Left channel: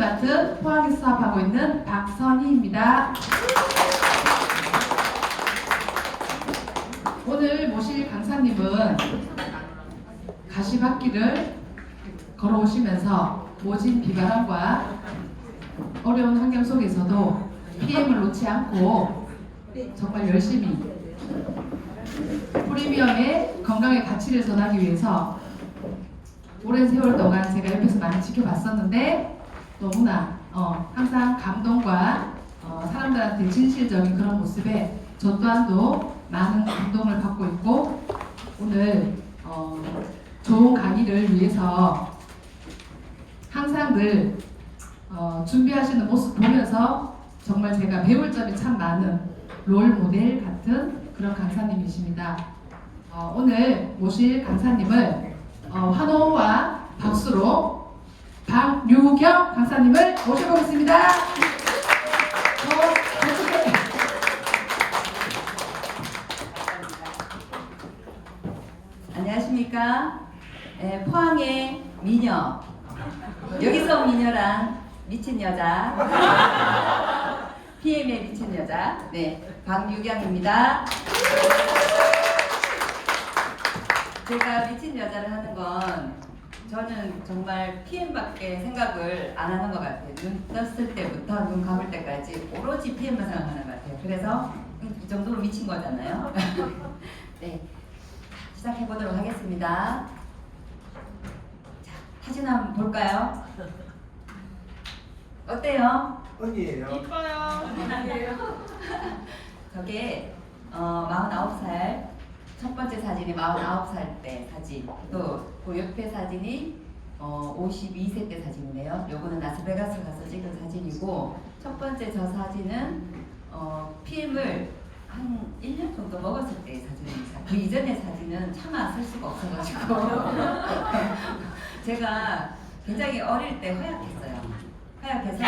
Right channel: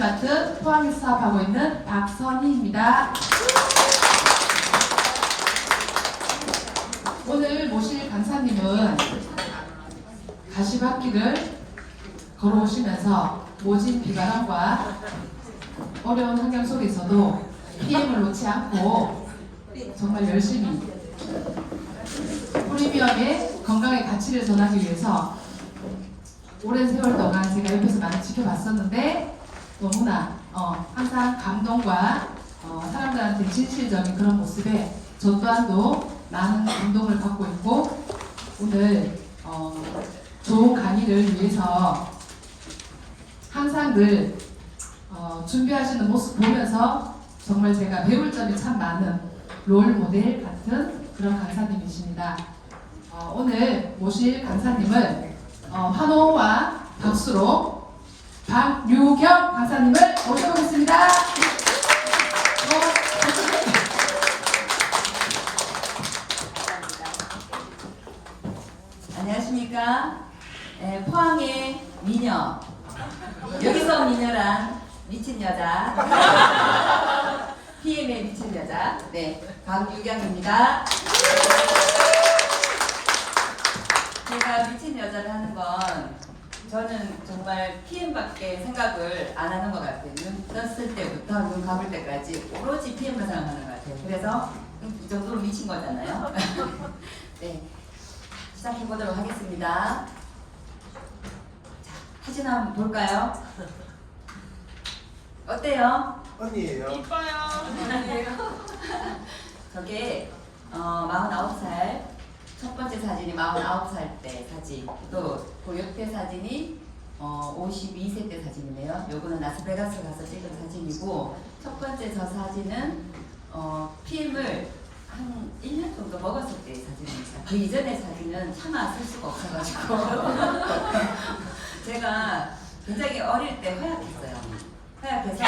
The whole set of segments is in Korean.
맡은 포항에서 사업하고 있는 박선희입니다. 오늘 모실 강사님은 가시밭길을 걸어오시면서 모진 비바람과 어려운 환경 속에서도 PM을 놓지 않고 정말 열심히 프리미엄의 건강의 가치를 전하기 위해서 오랜 세월 동안 제가 옆에서 많이 지켜봤었는데 너무나 항상 감동과 사람들한테 진실적인 그런 모습에 저 또한도 많은 감동을 받고 있고 오늘 좋은 강의를 위해서 항상 늘 준비하시는 모습 보면서 정말 제가 배울 점이 참 많은 롤 모델 같은 그런 강사님이십니다. 오늘 모실 강사님을 환호와 박수로 박유경 강사님을 모셔보겠습니다. 안녕하십니까? 포항의 미녀, 여기서 온 미녀란 미친 여자, PM의 미친 여자, 박유경입니다. 제가 미친 여자를 하는 건 저는 정말 PM밖에 생각을 안 하는 것 같아요. 눈 떴을 때부터 눈 감을 때까지 오로지 PM만 생각하는 것 같아요. 그래서 이 정도로 미친 거잖아요. 네, 시작해보도록 하겠습니다. 자, 사진 한번 볼까요? 어때요? 언니예요. 이뻐요. 저게 49살 첫 번째 사진이 49살 때 사진, 또 그 옆에 사진이 52세 때 사진이네요. 요거는 라스베가스 가서 찍은 사진이고, 첫 번째 저 사진은 PM을 한 1년 정도 먹었을 때의 사진입니다. 그 이전의 사진은 차마 쓸 수가 없어가지고 제가 굉장히 어릴 때 허약했어요. 허약해서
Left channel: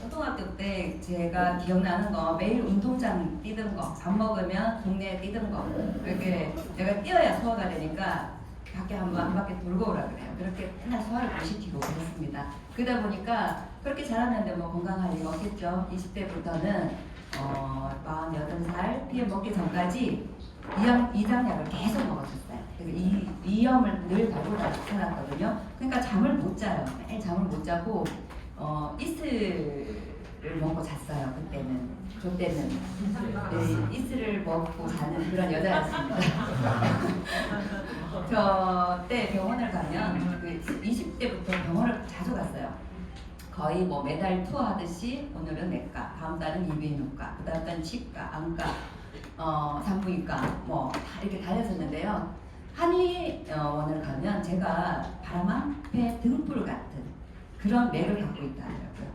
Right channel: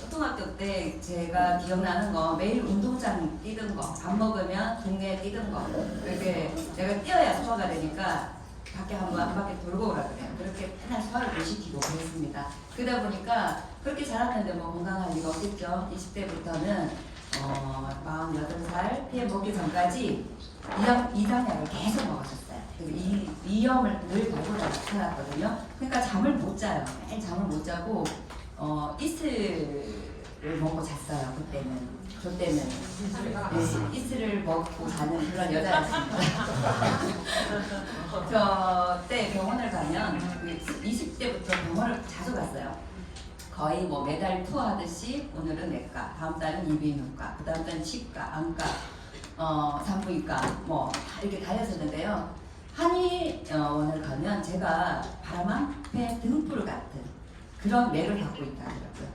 초등학교 때 제가 기억나는 거 매일 운동장 뛰던 거, 밥 먹으면 동네에 뛰던 거, 이렇게 내가 뛰어야 소화가 되니까 밖에 한 바퀴 돌고 오라 그래요. 그렇게 맨날 소화를 못 시키고 그랬습니다. 그러다 보니까 그렇게 자랐는데 뭐 건강할 리가 없겠죠. 20대부터는 48살 피해 먹기 전까지 이장약을 계속 먹었었어요. 그리고 이염을 늘 걸고 다녔거든요. 그러니까 잠을 못 자요. 매일 잠을 못 자고 이슬을 먹고 잤어요. 그때는 이슬을 먹고 자는 그런 여자였습니다. 저때 병원을 가면 20대부터 병원을 자주 갔어요. 거의 뭐 매달 투어하듯이 오늘은 내과, 다음 달은 이비인후과, 그 다음 달은 치과, 안과, 산부인과 뭐 이렇게 다녔었는데요. 한의원을 가면 제가 바람 앞에 등불 같은 그런 맥을 갖고 있다더라고요.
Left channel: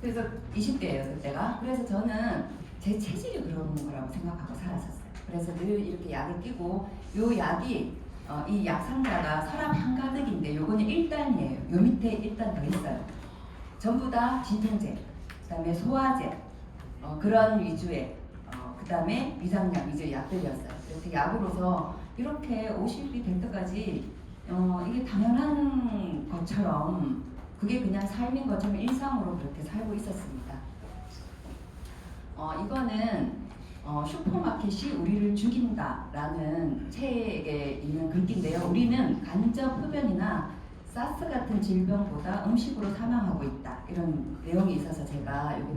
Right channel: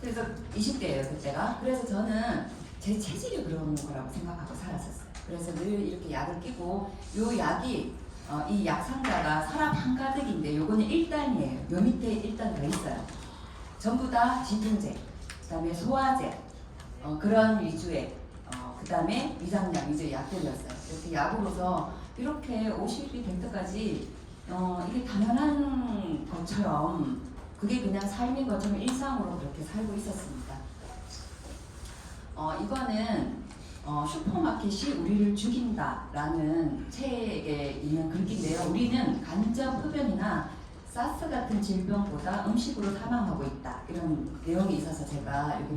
그래서 20대예요 그때가. 그래서 저는 제 체질이 그런 거라고 생각하고 살았었어요. 그래서 늘 이렇게 약을 끼고, 요 약이 이 약상자가 사람 한가득인데 요거는 1단이에요. 요 밑에 1단 더 있어요. 전부 다 진통제, 그 다음에 소화제, 그런 위주의 그 다음에 위장약 위주의 약들이었어요. 이렇게 약으로서 이렇게 50이 될 때까지 이게 당연한 것처럼, 그게 그냥 삶인 것처럼 일상으로 그렇게 살고 있었습니다. 이거는 슈퍼마켓이 우리를 죽인다라는 책에 있는 글귀인데요. 우리는 간접 흡연이나 사스 같은 질병보다 음식으로 사망하고 있다, 이런 내용이 있어서 제가 이거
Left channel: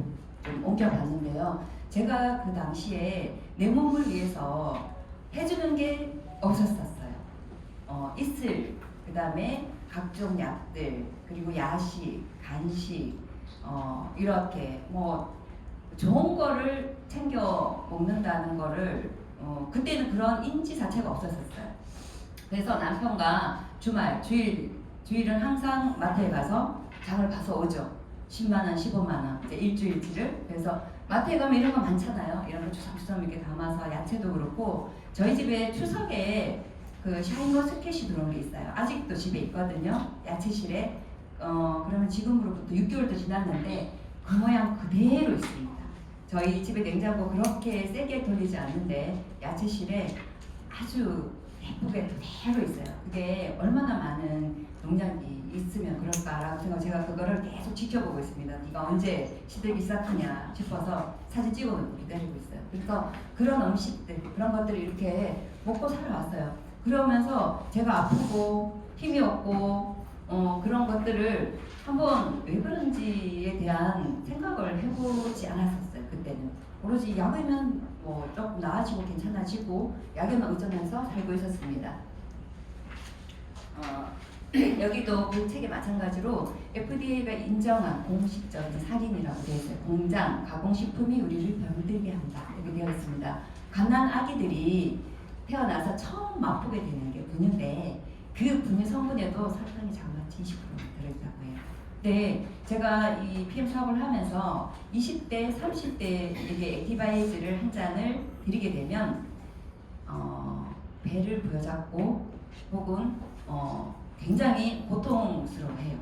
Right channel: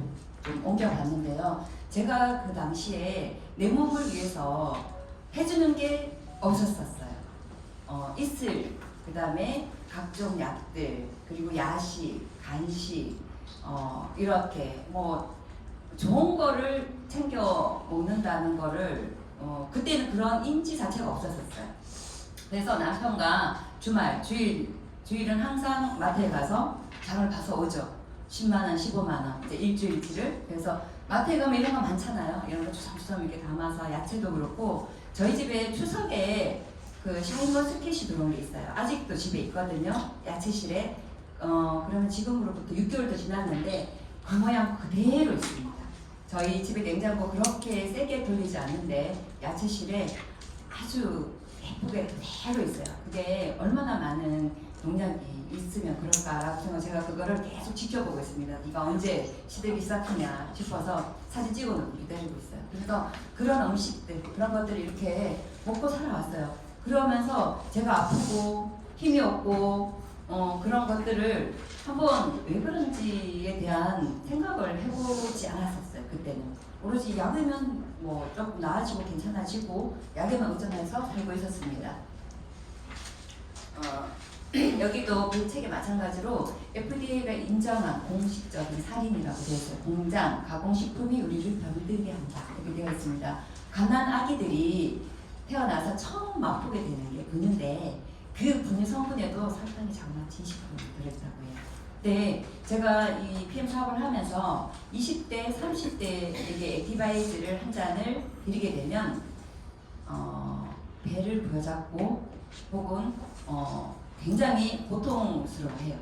좀 옮겨봤는데요. 제가 그 당시에 내 몸을 위해서 해주는 게 없었었어요. 이슬, 그 다음에 각종 약들, 그리고 야식, 간식, 이렇게 뭐 좋은 거를 챙겨 먹는다는 거를 그때는 그런 인지 자체가 없었었어요. 그래서 남편과 주일은 항상 마트에 가서 장을 봐서 오죠. 10만 원, 15만 원, 이제 일주일치를. 그래서 마트에 가면 이런 거 많잖아요. 이런 거 주섬주섬 이렇게 담아서, 야채도 그렇고. 저희 집에 추석에 그 샤인머스켓이 들어온 게 있어요. 아직도 집에 있거든요. 야채실에. 그러면 지금으로부터 6개월도 지났는데 그 모양 그대로 있습니다. 저희 집에 냉장고 그렇게 세게 돌리지 않는데 야채실에 아주 예쁘게 그대로 있어요. 그게 얼마나 많은 농약이 있으면 그럴까라고 같은 거 제가 그거를 계속 지켜보고 있습니다. 이가 언제 시들기 시작하냐 싶어서 사진 찍어놓고 기다리고 있어요. 그래서 그런 음식들, 그런 것들을 이렇게 먹고 살아왔어요. 그러면서 제가 아프고 힘이 없고 그런 것들을 한번 왜 그런지에 대한 생각을 해보지 않았었어요. 그때는 오로지 약이면 뭐 조금 나아지고 괜찮아지고 약에만 의존해서 살고 있었습니다. 여기도 그 책에 마찬가지로 FDA가 인정한 공식적인 살인이라고 되어 있어요. 공장, 가공식품이 우리를 병들게 한다. 이렇게 되어 있습니다. 갓난 아기들이 태어나서 처음 맛보게 되는 게 분유인데 그 분유 성분에도 설탕이 장마치 20% 들어있다고 해요. 네, 제가 이 PM 사업을 하면서 20대, 30대에게 액티바이즈를 한 잔을 드리게 되면 배를 부여잡고 혹은 굉장히 고통스러워해요.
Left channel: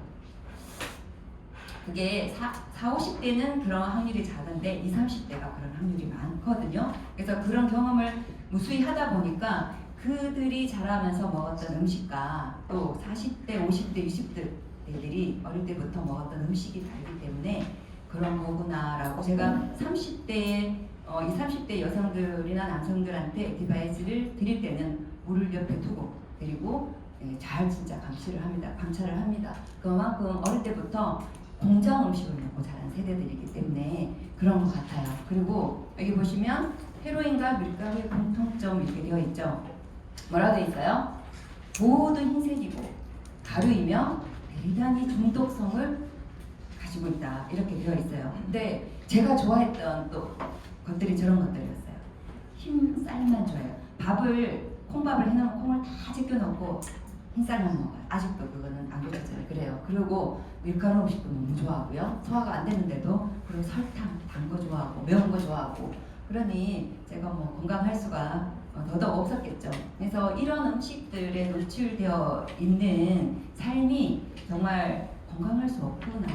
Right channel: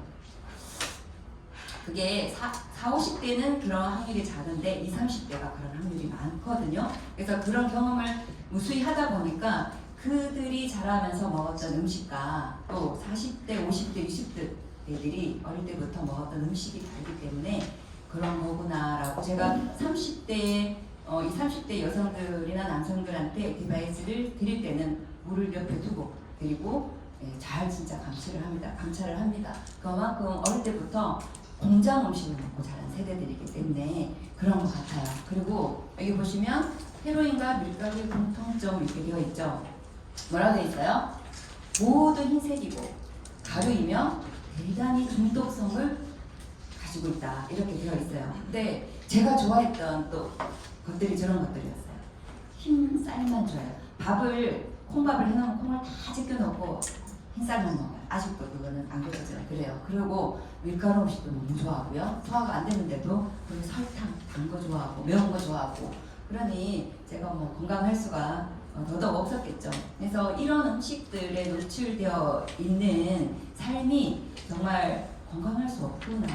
그게 40, 50대는 그런 확률이 작은데 20, 30대가 그런 확률이 많거든요. 그래서 그런 경험을 무수히 하다 보니까 그들이 자라면서 먹었던 음식과 또 40대, 50대, 60대들이 어릴 때부터 먹었던 음식이 다르기 때문에 그런 거구나라고 제가 30대, 20, 30대 여성들이나 남성들한테 액티바이스를 드릴 때는 물을 옆에 두고 드리고 잘 진짜 감찰을 합니다. 그만큼 어릴 때부터 공장 음식을 먹고 자란 세대들이기 때문에 그런 것 같아요. 그리고 여기 보시면 헤로인과 밀가루의 공통점 이렇게 되어 있죠. 뭐라고 되어 있어요? 모두 흰색이고 가루이며 대단히 중독성을 가지고 있다. 이렇게 되어 있어요. 근데 제가 좋아했던 또 것들이 저런 것들이었어요. 흰쌀만 좋아해요. 콩밥을 해놓으면 콩을 다 제껴놓고 흰쌀만 먹어요. 아직도 그거는 안 그러잖아요. 그래요. 그리고 밀가루 음식도 너무 좋아하고요. 소화가 안 되는데도 그리고 설탕, 단 거 좋아하고 매운 거 좋아하고 그러니 제가 뭐 건강할 수가 더더욱 없었겠죠. 그래서 이런 음식들에 노출되어 있는 삶이 정말 건강할 수 없구나,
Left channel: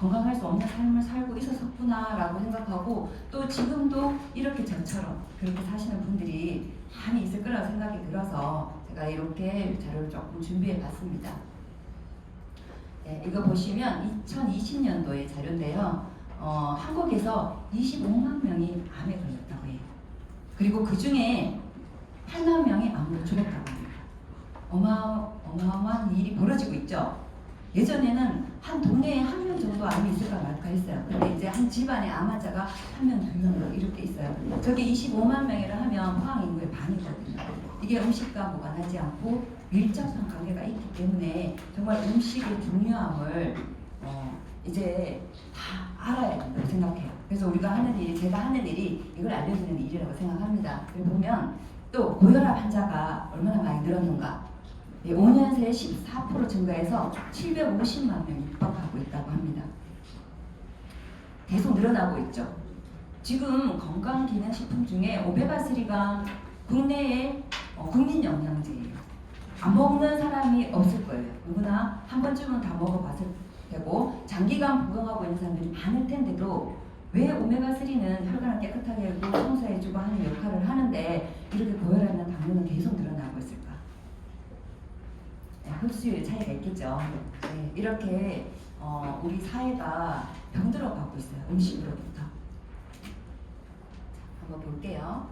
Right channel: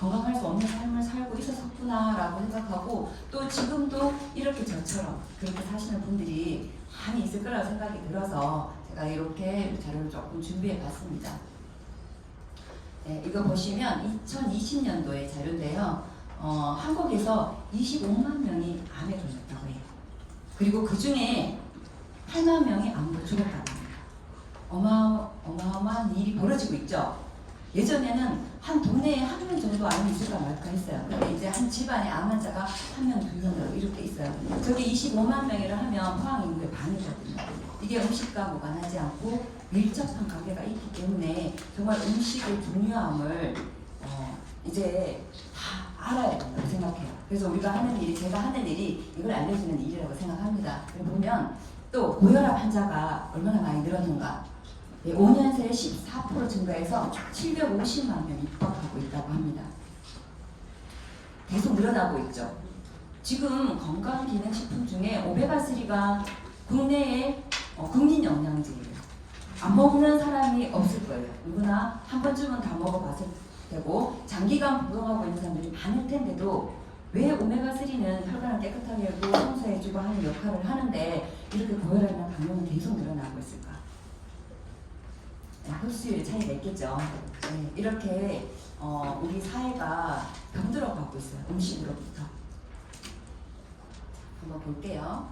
건강할 수 없는 삶을 살고 있었구나라고 생각하고 또 지금도 이렇게 저처럼 그렇게 사시는 분들이 많이 있을 거라고 생각이 들어서 제가 이렇게 자료를 조금 준비해 봤습니다. 네, 이거 보시면 2020년도의 자료인데요. 한국에서 25만 명이 암에 걸렸다고 해요. 그리고 그 중에 8만 명이 암 노출했다고 합니다. 어마어마한 일이 벌어지고 있죠. 예전에는 한 동네에 한 명 정도 암이 있을까 말까 했어요. 근데 이제 한 집안에 암 환자가 한 명, 두 명 이렇게 있어요. 저게 25만 명이라 하면 포항 인구의 반이거든요. 이게 음식과 무관하지 않고 밀접한 관계가 있기 때문에 정말 음식의 중요함을 이제 다 알아야 된다고 생각해요. 그래서 우리가 하는 일이, 제가 하는 일이 이걸 알려주는 일이라고 생각합니다. 그리고 보면 또 고혈압 환자가 얼마나 많이 늘었는가. 5년 새에 14% 증가해서 750만 명이 육박하고 있다고 합니다. 계속 늘어나고 있죠. 지금 건강기능식품 중에 오메가3가 국내의 국민 영양제예요. 안 먹는 사람이 없을 거예요. 누구나 한 번쯤은 다 먹어봤을 테고 장기간 복용하고 있는 사람들이 많을 텐데도 왜 오메가3는 혈관을 깨끗하게 하고 청소해주고 하는 역할을 하는데 이렇게 고혈압이나 당뇨는 계속 늘어나고 있을까? 흡수율의 차이가 있겠죠. 네, 이렇게 우리 사회가 병들어가고 있어요. 음식으로부터. 한번 볼게요.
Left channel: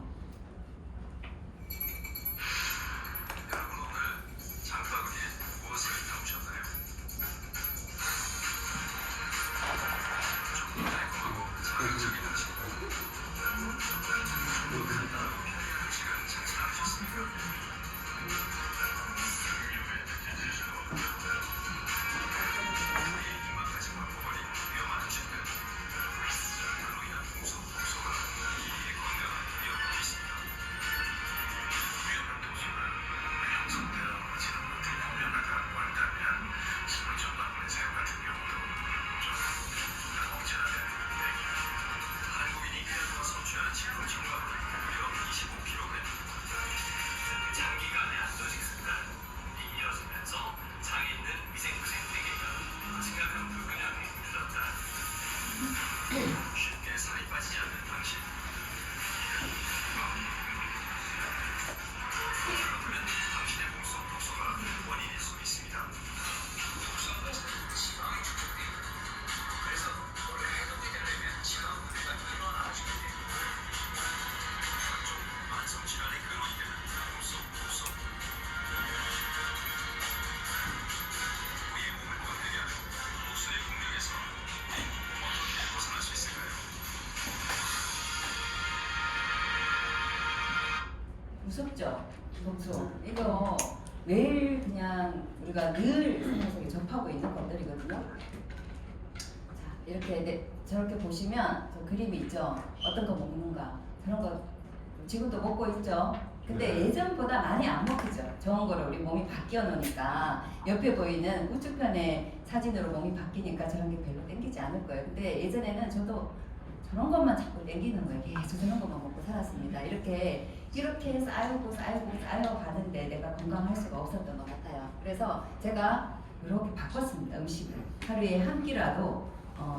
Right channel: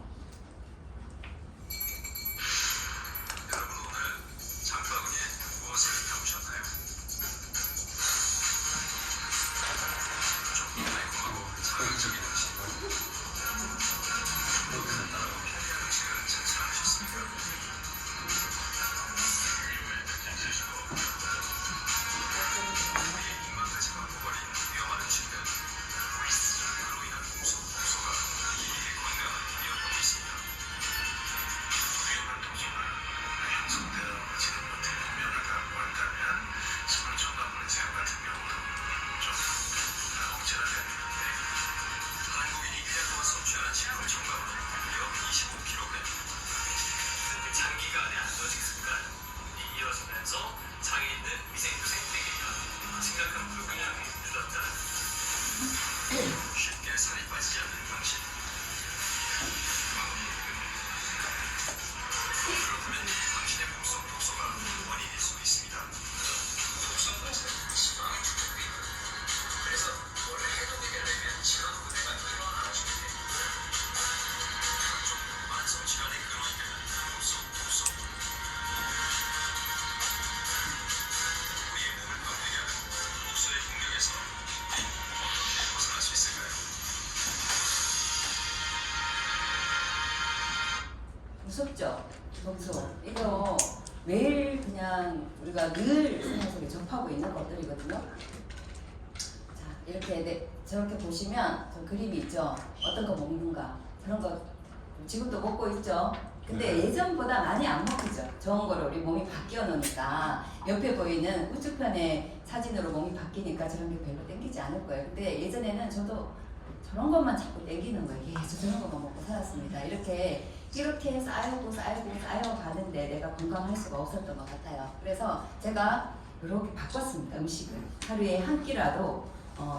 기록하고 있는 것들이거든요. 자, 이렇게 저렇게 보시면 저 그림이 있죠. 어떤 거 먹는가 그런 거 지금도 먹고 있죠. 근데 예전보다 많이 안 먹히죠. 좋은 거를 우리 몸이 바뀌어 놓으니까 옆에 보이는 우측편의 사진으로 몸이 바뀌니까 저런 게 별로 땡기지 않을 거예요. 근데 예전에는 저도 저런 것만 자꾸 땡기는 거예요. 계속 저런 것만 먹고 살았습니다. 이렇게 쌓이고 가는데 내가 건강할 수가 없었던 것 같아요. 그래서 제가 이렇게 바꿨습니다. 음식을 하루에 한 끼라도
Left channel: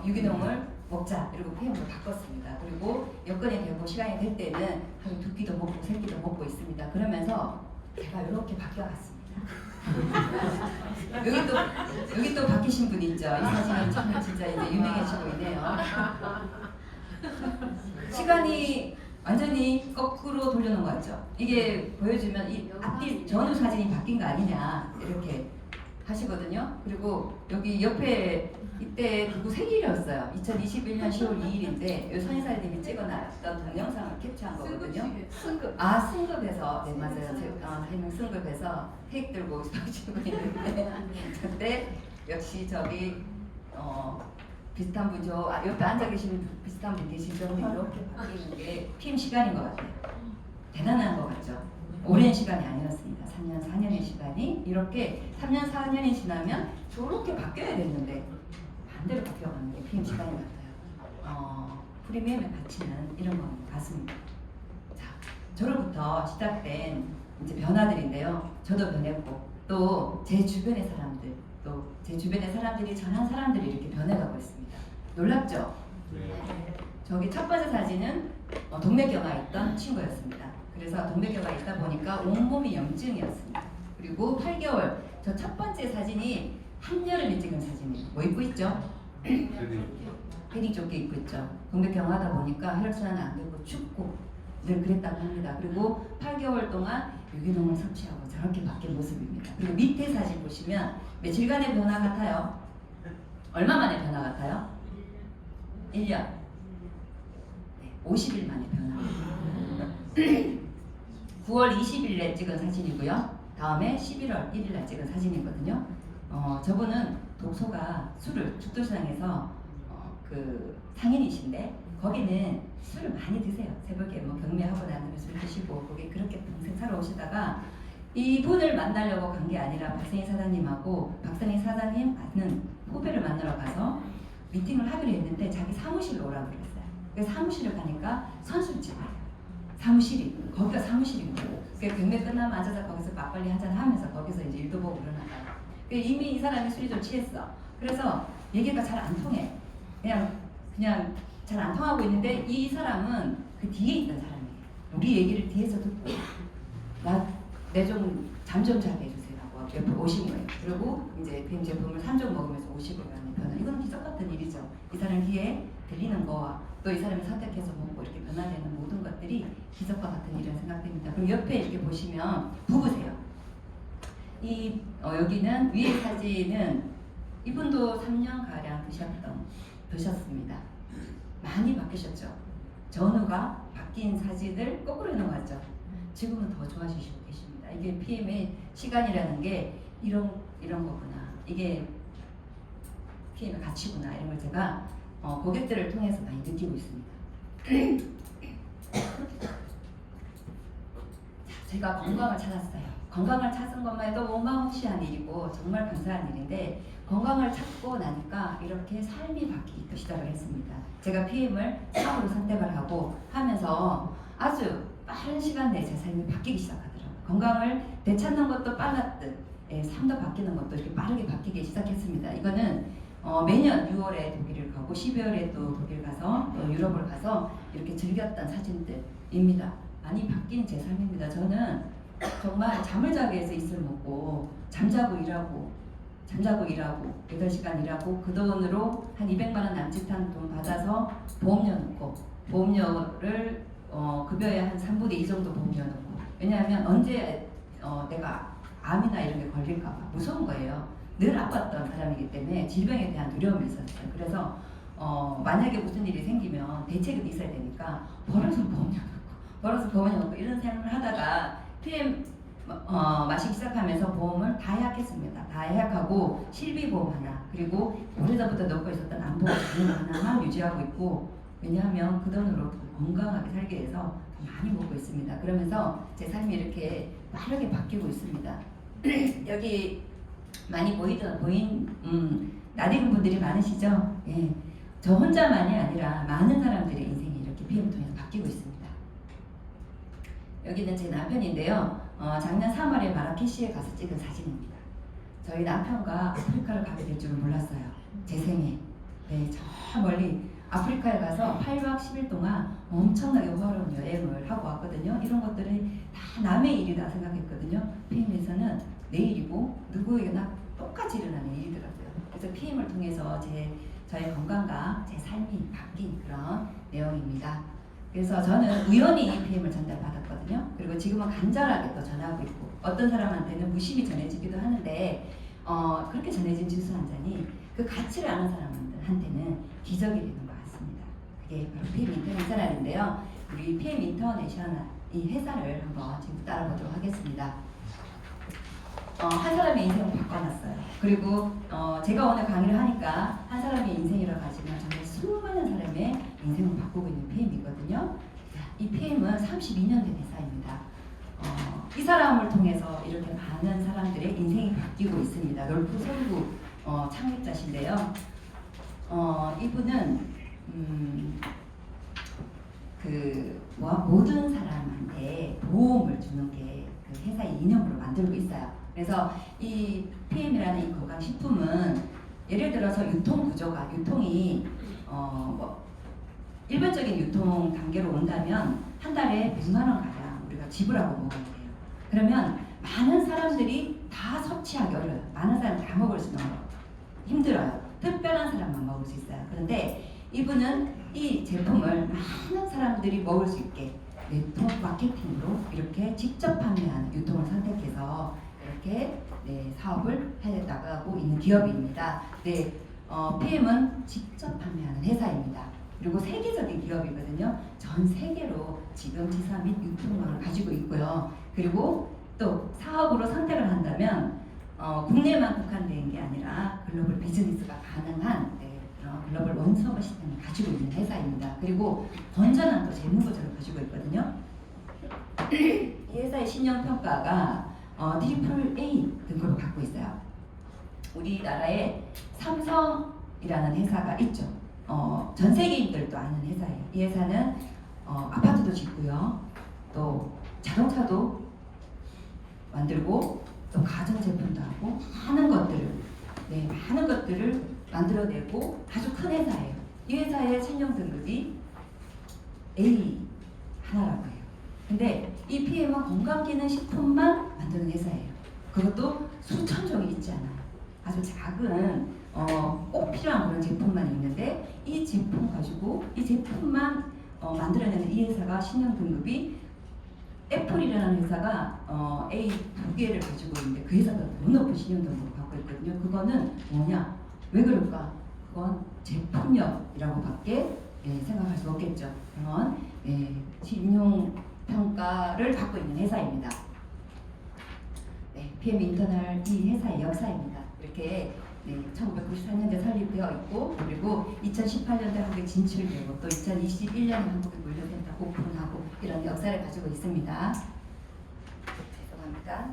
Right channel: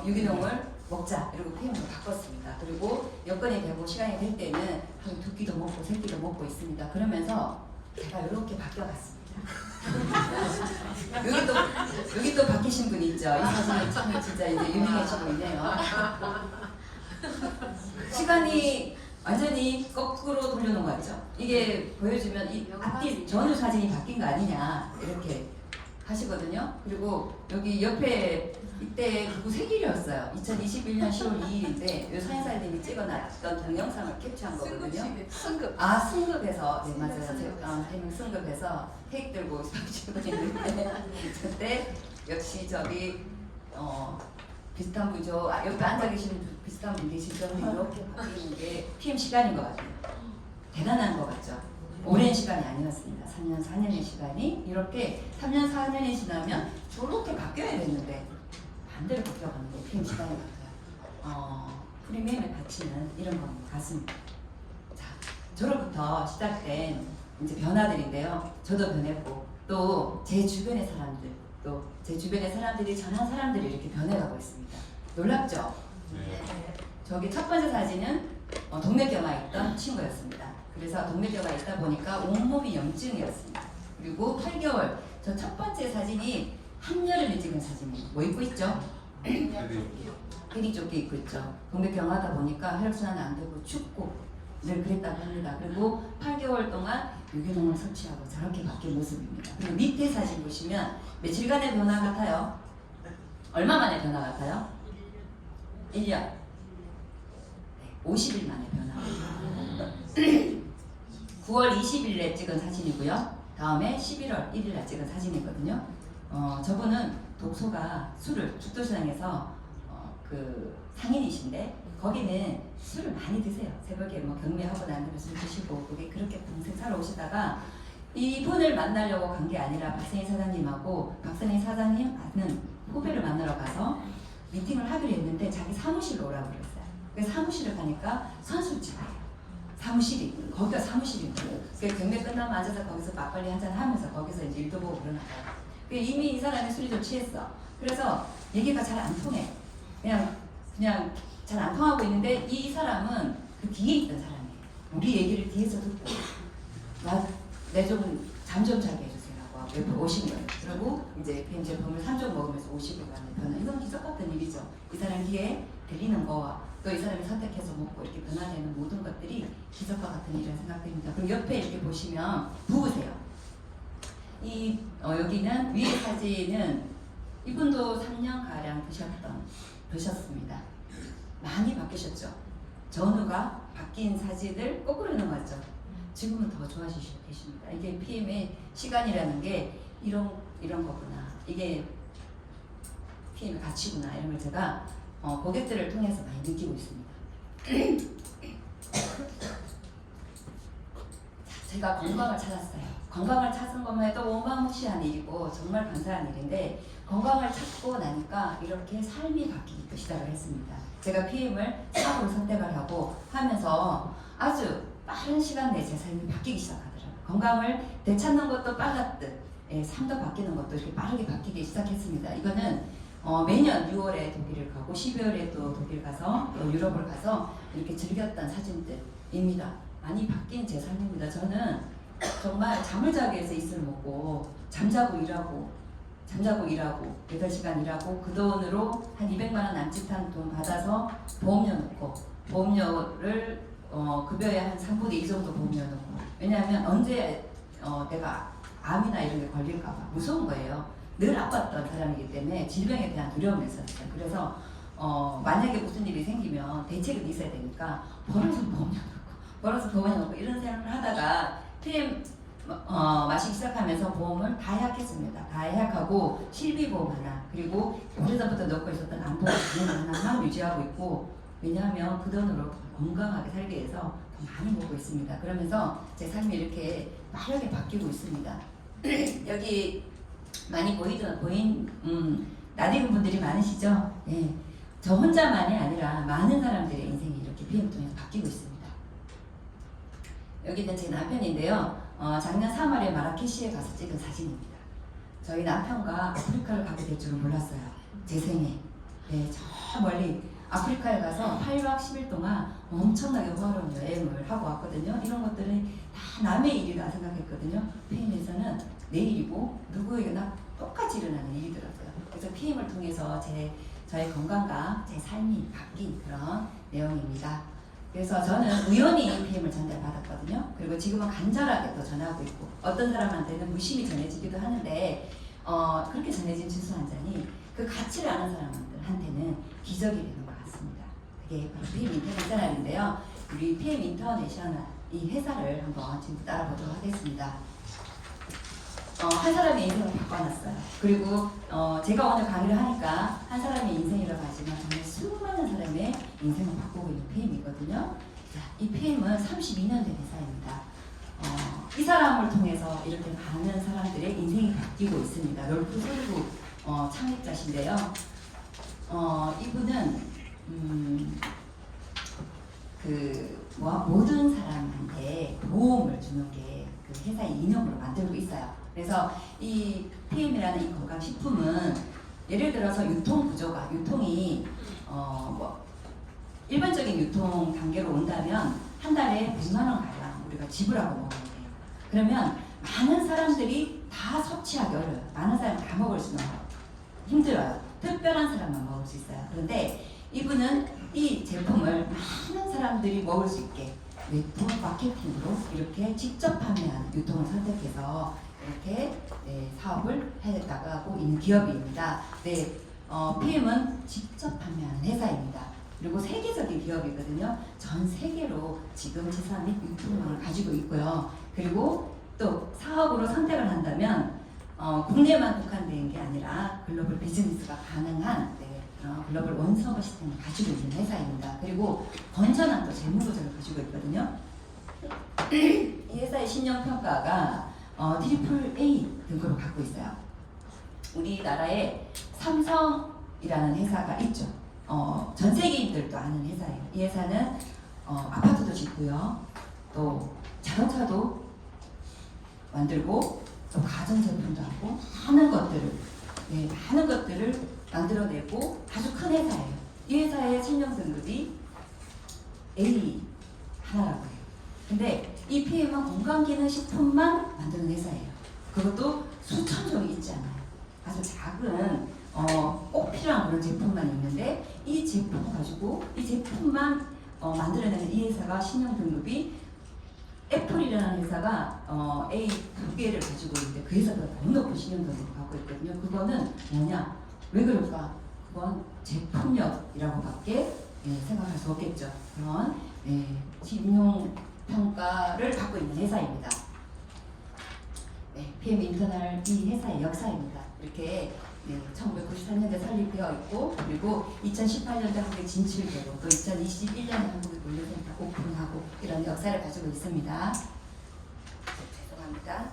유기농을 먹자 이러고 PM으로 바꿨습니다. 그리고 여건이 되고 시간이 될 때는 한 2끼도 먹고 3끼도 먹고 있습니다. 그러면서 제가 이렇게 바뀌어갔습니다. 여기 또 바뀌신 분 있죠. 이 사진은 참 진짜 이제 유명해지고 있네요. 시간이 완전히 거꾸로 돌려놓은 거 같죠? 이게 보여주면 이 전후 사진이 바뀐 거 아니냐 이렇게 하시거든요. 그리고 여기 옆에 이때 누구 생일이었어요. 2021년 10월 2일인데 이 사인사님이 찍어놨던 동영상을 캡처한 거거든요. 승급. 아 승급해서 네 맞아요. 대명 승급해서 케이크 들고 사시고 있는데 그때 역시 저기 비슷한 분죠. 옆에 앉아 계시는 비슷한 분 계시죠. 이렇게 바뀌는 게 PM 시간인 것 같아요. 대단한 것 같죠. 오랜 시간이 아니었습니다. 3년, 4년의 시간이 이렇게 3년, 4년이 지나면 저렇게 바뀌어야 되는데 반대로 바뀌어가는 게 PM 시간인 것 같아요. 프리미엄의 가치는 이런 것 같습니다. 자, 저로부터 시작된 이제 변화들인데요. 저도 변했고 또 제 주변의 사람들 또 제 주변의 사람들이 전한 사람들이 이렇게 변해가고 있습니다. 놀랍죠? 저기 첫 번째 사진은 동맥경화 있던 친구였습니다. 그래서 동맥경화 있다 보니까 온몸이 염증이었습니다. 그리고 8개월 저 첫 번째 사진이 한여름에 찍은 사진이에요. 뭐 입고 있죠? 패딩조끼 입고 있죠. 동맥경화하다 보니까 혈액순환이 안 되고 춥고 늘 그랬다고 합니다. 그리고 8개월 동안 유기농을 섭취하고 저렇게 바뀐 모습입니다. 그리고 밑에 사진 보시면 며칠간의 변화 같아요? 얼마 만에 변화 같아요? 1년. 네, 50일 만에 변화. 9월 20일에 찍은 사진이고요. 다음에 11월 1일에 찍은 사진이거든요. 저분은 독소가 술을 죽도시장에서 그 상인이신데 거기는 술을 많이 드세요. 새벽에 뭐 경매하고 나면 술 드시고 거기 그렇게 평생 살아오시다가 이분을 만나려고 간 게 아니라 박선희 사장님하고 박선희 사장님 아는 후배를 만나러 가서 미팅을 하기로 했는데 자기 사무실로 오라고 그랬어요. 그래서 사무실을 가니까 선술집이에요. 사무실이 거기가 사무실인 거예요. 그래서 경매 끝나면 앉아서 거기서 막걸리 한잔 하면서 거기서 이제 일도 보고 그러나 봐요. 이미 이 사람이 술이 좀 취했어. 그래서 얘기가 잘 안 통해. 그냥 잘 안 통하고 있는데 이 사람은 그 뒤에 있던 사람이에요. 우리 얘기를 뒤에서 듣고 내 좀 잠 좀 자게 해주세요 하고 옆에 오시는 거예요. 그리고 이제 PM 제품을 3종 먹으면서 오시고 가는 변화. 이건 기적 같은 일이죠. 이 사람 귀에 들리는 거, 또 이 사람이 선택해서 먹고 이렇게 변화되는 모든 것들이 기적과 같은 일이라는 생각됩니다. 그리고 옆에 이렇게 보시면 부부세요. 여기는 위에 사진은 이분도 3년가량 드셨습니다. 많이 바뀌셨죠. 전후가 바뀐 사진을 거꾸로 넣어놨죠. 지금은 더 좋아지시고 계십니다. 이게 PM의 시간이라는 게 이런 거구나. 이게 PM의 가치구나. 이런 걸 제가 고객들을 통해서 많이 느끼고 있습니다. 제가 건강을 찾았어요. 건강을 찾은 것만 해도 어마무시한 일이고 정말 감사한 일인데 건강을 찾고 나니까 이렇게 삶이 바뀌기 시작을 했습니다. 제가 PM을 사업으로 선택을 하고 하면서 아주 빠른 시간 내에 제 삶이 바뀌기 시작하더라고요. 건강을 되찾는 것도 빨랐듯 삶도 바뀌는 것도 이렇게 빠르게 바뀌기 시작했습니다. 이거는 매년 6월에 독일을 가고 12월에 또 독일 가서 또 유럽을 가서 이렇게 즐겼던 사진들입니다. 많이 바뀐 제 삶입니다. 저는 정말 잠을 자기 위해서 이슬 먹고 잠자고 일하고 8시간 일하고 그 돈으로 한 200만 원 남짓한 돈 받아서 보험료 넣고 보험료를 급여의 한 3분의 2 정도 보험료 넣고 왜냐하면 언제 내가 암이나 이런 게 걸릴까 봐 무서운 거예요. 늘 아팠던 사람이기 때문에 질병에 대한 두려움이 있었어요. 그래서 만약에 무슨 일이 생기면 대책이 있어야 되니까 벌어서 보험료 넣고 이런 생각을 하다가 PM 마시기 시작하면서 보험을 다 예약했습니다. 다 예약하고 실비보험 하나, 그리고 오래전부터 넣고 있었던 안보보험 하나만 유지하고 있고, 왜냐하면 그 돈으로 건강하게 살기 위해서 많이 먹고 있습니다. 그러면서 제 삶이 이렇게 빠르게 바뀌고 있습니다. 여기 많이 낯익은 분들이 많으시죠? 예. 저 혼자만이 아니라 많은 사람들의 인생이 이렇게 PM을 통해서 바뀌고 있습니다. 여기는 제 남편인데요. 작년 3월에 마라케시에 가서 찍은 사진입니다. 저희 남편과 아프리카를 가게 될 줄은 몰랐어요. 제 생에. 네, 저 멀리 아프리카에 가서 8박 10일 동안 엄청나게 호화로운 여행을 하고 왔거든요. 이런 것들이 다 남의 일이다 생각했거든요. PM에서는 내 일이고 누구에게나 똑같이 일어나는 일이더라고요. 그래서 PM을 통해서 저의 건강과 제 삶이 바뀐 그런 내용입니다. 그래서 저는 우연히 PM을 전달받았거든요. 그리고 지금은 간절하게 또 전하고 있고, 어떤 사람한테는 무심히 전해지기도 하는데 그렇게 전해진 주스 한 잔이 그 가치를 아는 사람한테는 기적이 되는 것 같습니다. 그게 바로 PM 인터내셔널인데요. 우리 PM 인터내셔널 이 회사를 한번 지금 따라보도록 하겠습니다. 한 사람의 인생을 바꿔놨어요. 그리고 제가 오늘 강의를 하니까 한 사람의 인생이라고 하지만 정말 수많은 사람의 인생을 바꾸고 있는 PM이거든요. 이 PM은 32년 된 회사입니다. 이 사람을 통해서 이렇게 많은 사람들의 인생이 바뀌고 있습니다. 롤프 솔구 창립자신데요. 이분은 모든 사람한테 도움을 주는 게 그 회사의 이념으로 만들고 있어요. 그래서 이 PM이라는 이 건강식품은 예를 들어서 유통 구조가 유통이 일반적인 유통 단계로 온다면 한 달에 100만 원 가량 우리가 지불하고 먹어야 돼요. 그러면 많은 사람들이 다 섭취하기 어려워요. 많은 사람이 다 먹을 수는 힘들어요. 특별한 사람만 먹을 수 있어요. 그런데 이분은 이 제품을 많은 사람들이 먹을 수 있게 네트워크 마케팅으로 이렇게 직접 판매하는 유통을 선택해서 이렇게 사업을 해냈다고 있는 기업입니다. 네, PM은 직접 판매하는 회사입니다. 그리고 세계적인 기업이거든요. 전 세계로 지금 지사 및 유통망을 가지고 있고요. 그리고 또 사업으로 선택을 한다면 국내만 국한된 게 아니라 글로벌 비즈니스가 가능한 글로벌 원서버 시스템을 가지고 있는 회사입니다. 그리고 건전한 또 재무구조를 가지고 있거든요. 이 회사의 신용평가가 트리플 A 등급을 갖고 있어요. 우리나라에 삼성이라는 회사가 있죠. 전 세계인들도 아는 회사예요. 이 회사는 아파트도 짓고요, 또 자동차도 만들고, 또 가전제품도 하고 많은 것들을 만들어내고 아주 큰 회사예요. 이 회사의 신용 등급이 A 하나라고 해요. 근데 이 PM은 건강기능식품만 만드는 회사예요. 그것도 수천 종이 있지 않아요. 아주 작은 꼭 필요한 그런 제품만 있는데 이 제품 가지고 이 제품만 만들어내는 이 회사가 신용 등급이 애플이라는 회사가 A 2개를 가지고 있는데 그 회사가 너무 높은 신용 등급을 갖고 있거든요. 그거는 뭐냐? 왜 그럴까? 그건 제품력이라고밖에 생각할 수 없겠죠. 그런 신용 평가를 받고 있는 회사입니다. PM 인터널 이 회사의 역사입니다. 이렇게 1993년에 설립되어 있고, 그리고 2018년에 한국에 진출되고, 또 2021년에 한국에 물류센터 오픈하고 이런 역사를 가지고 있습니다. 죄송합니다.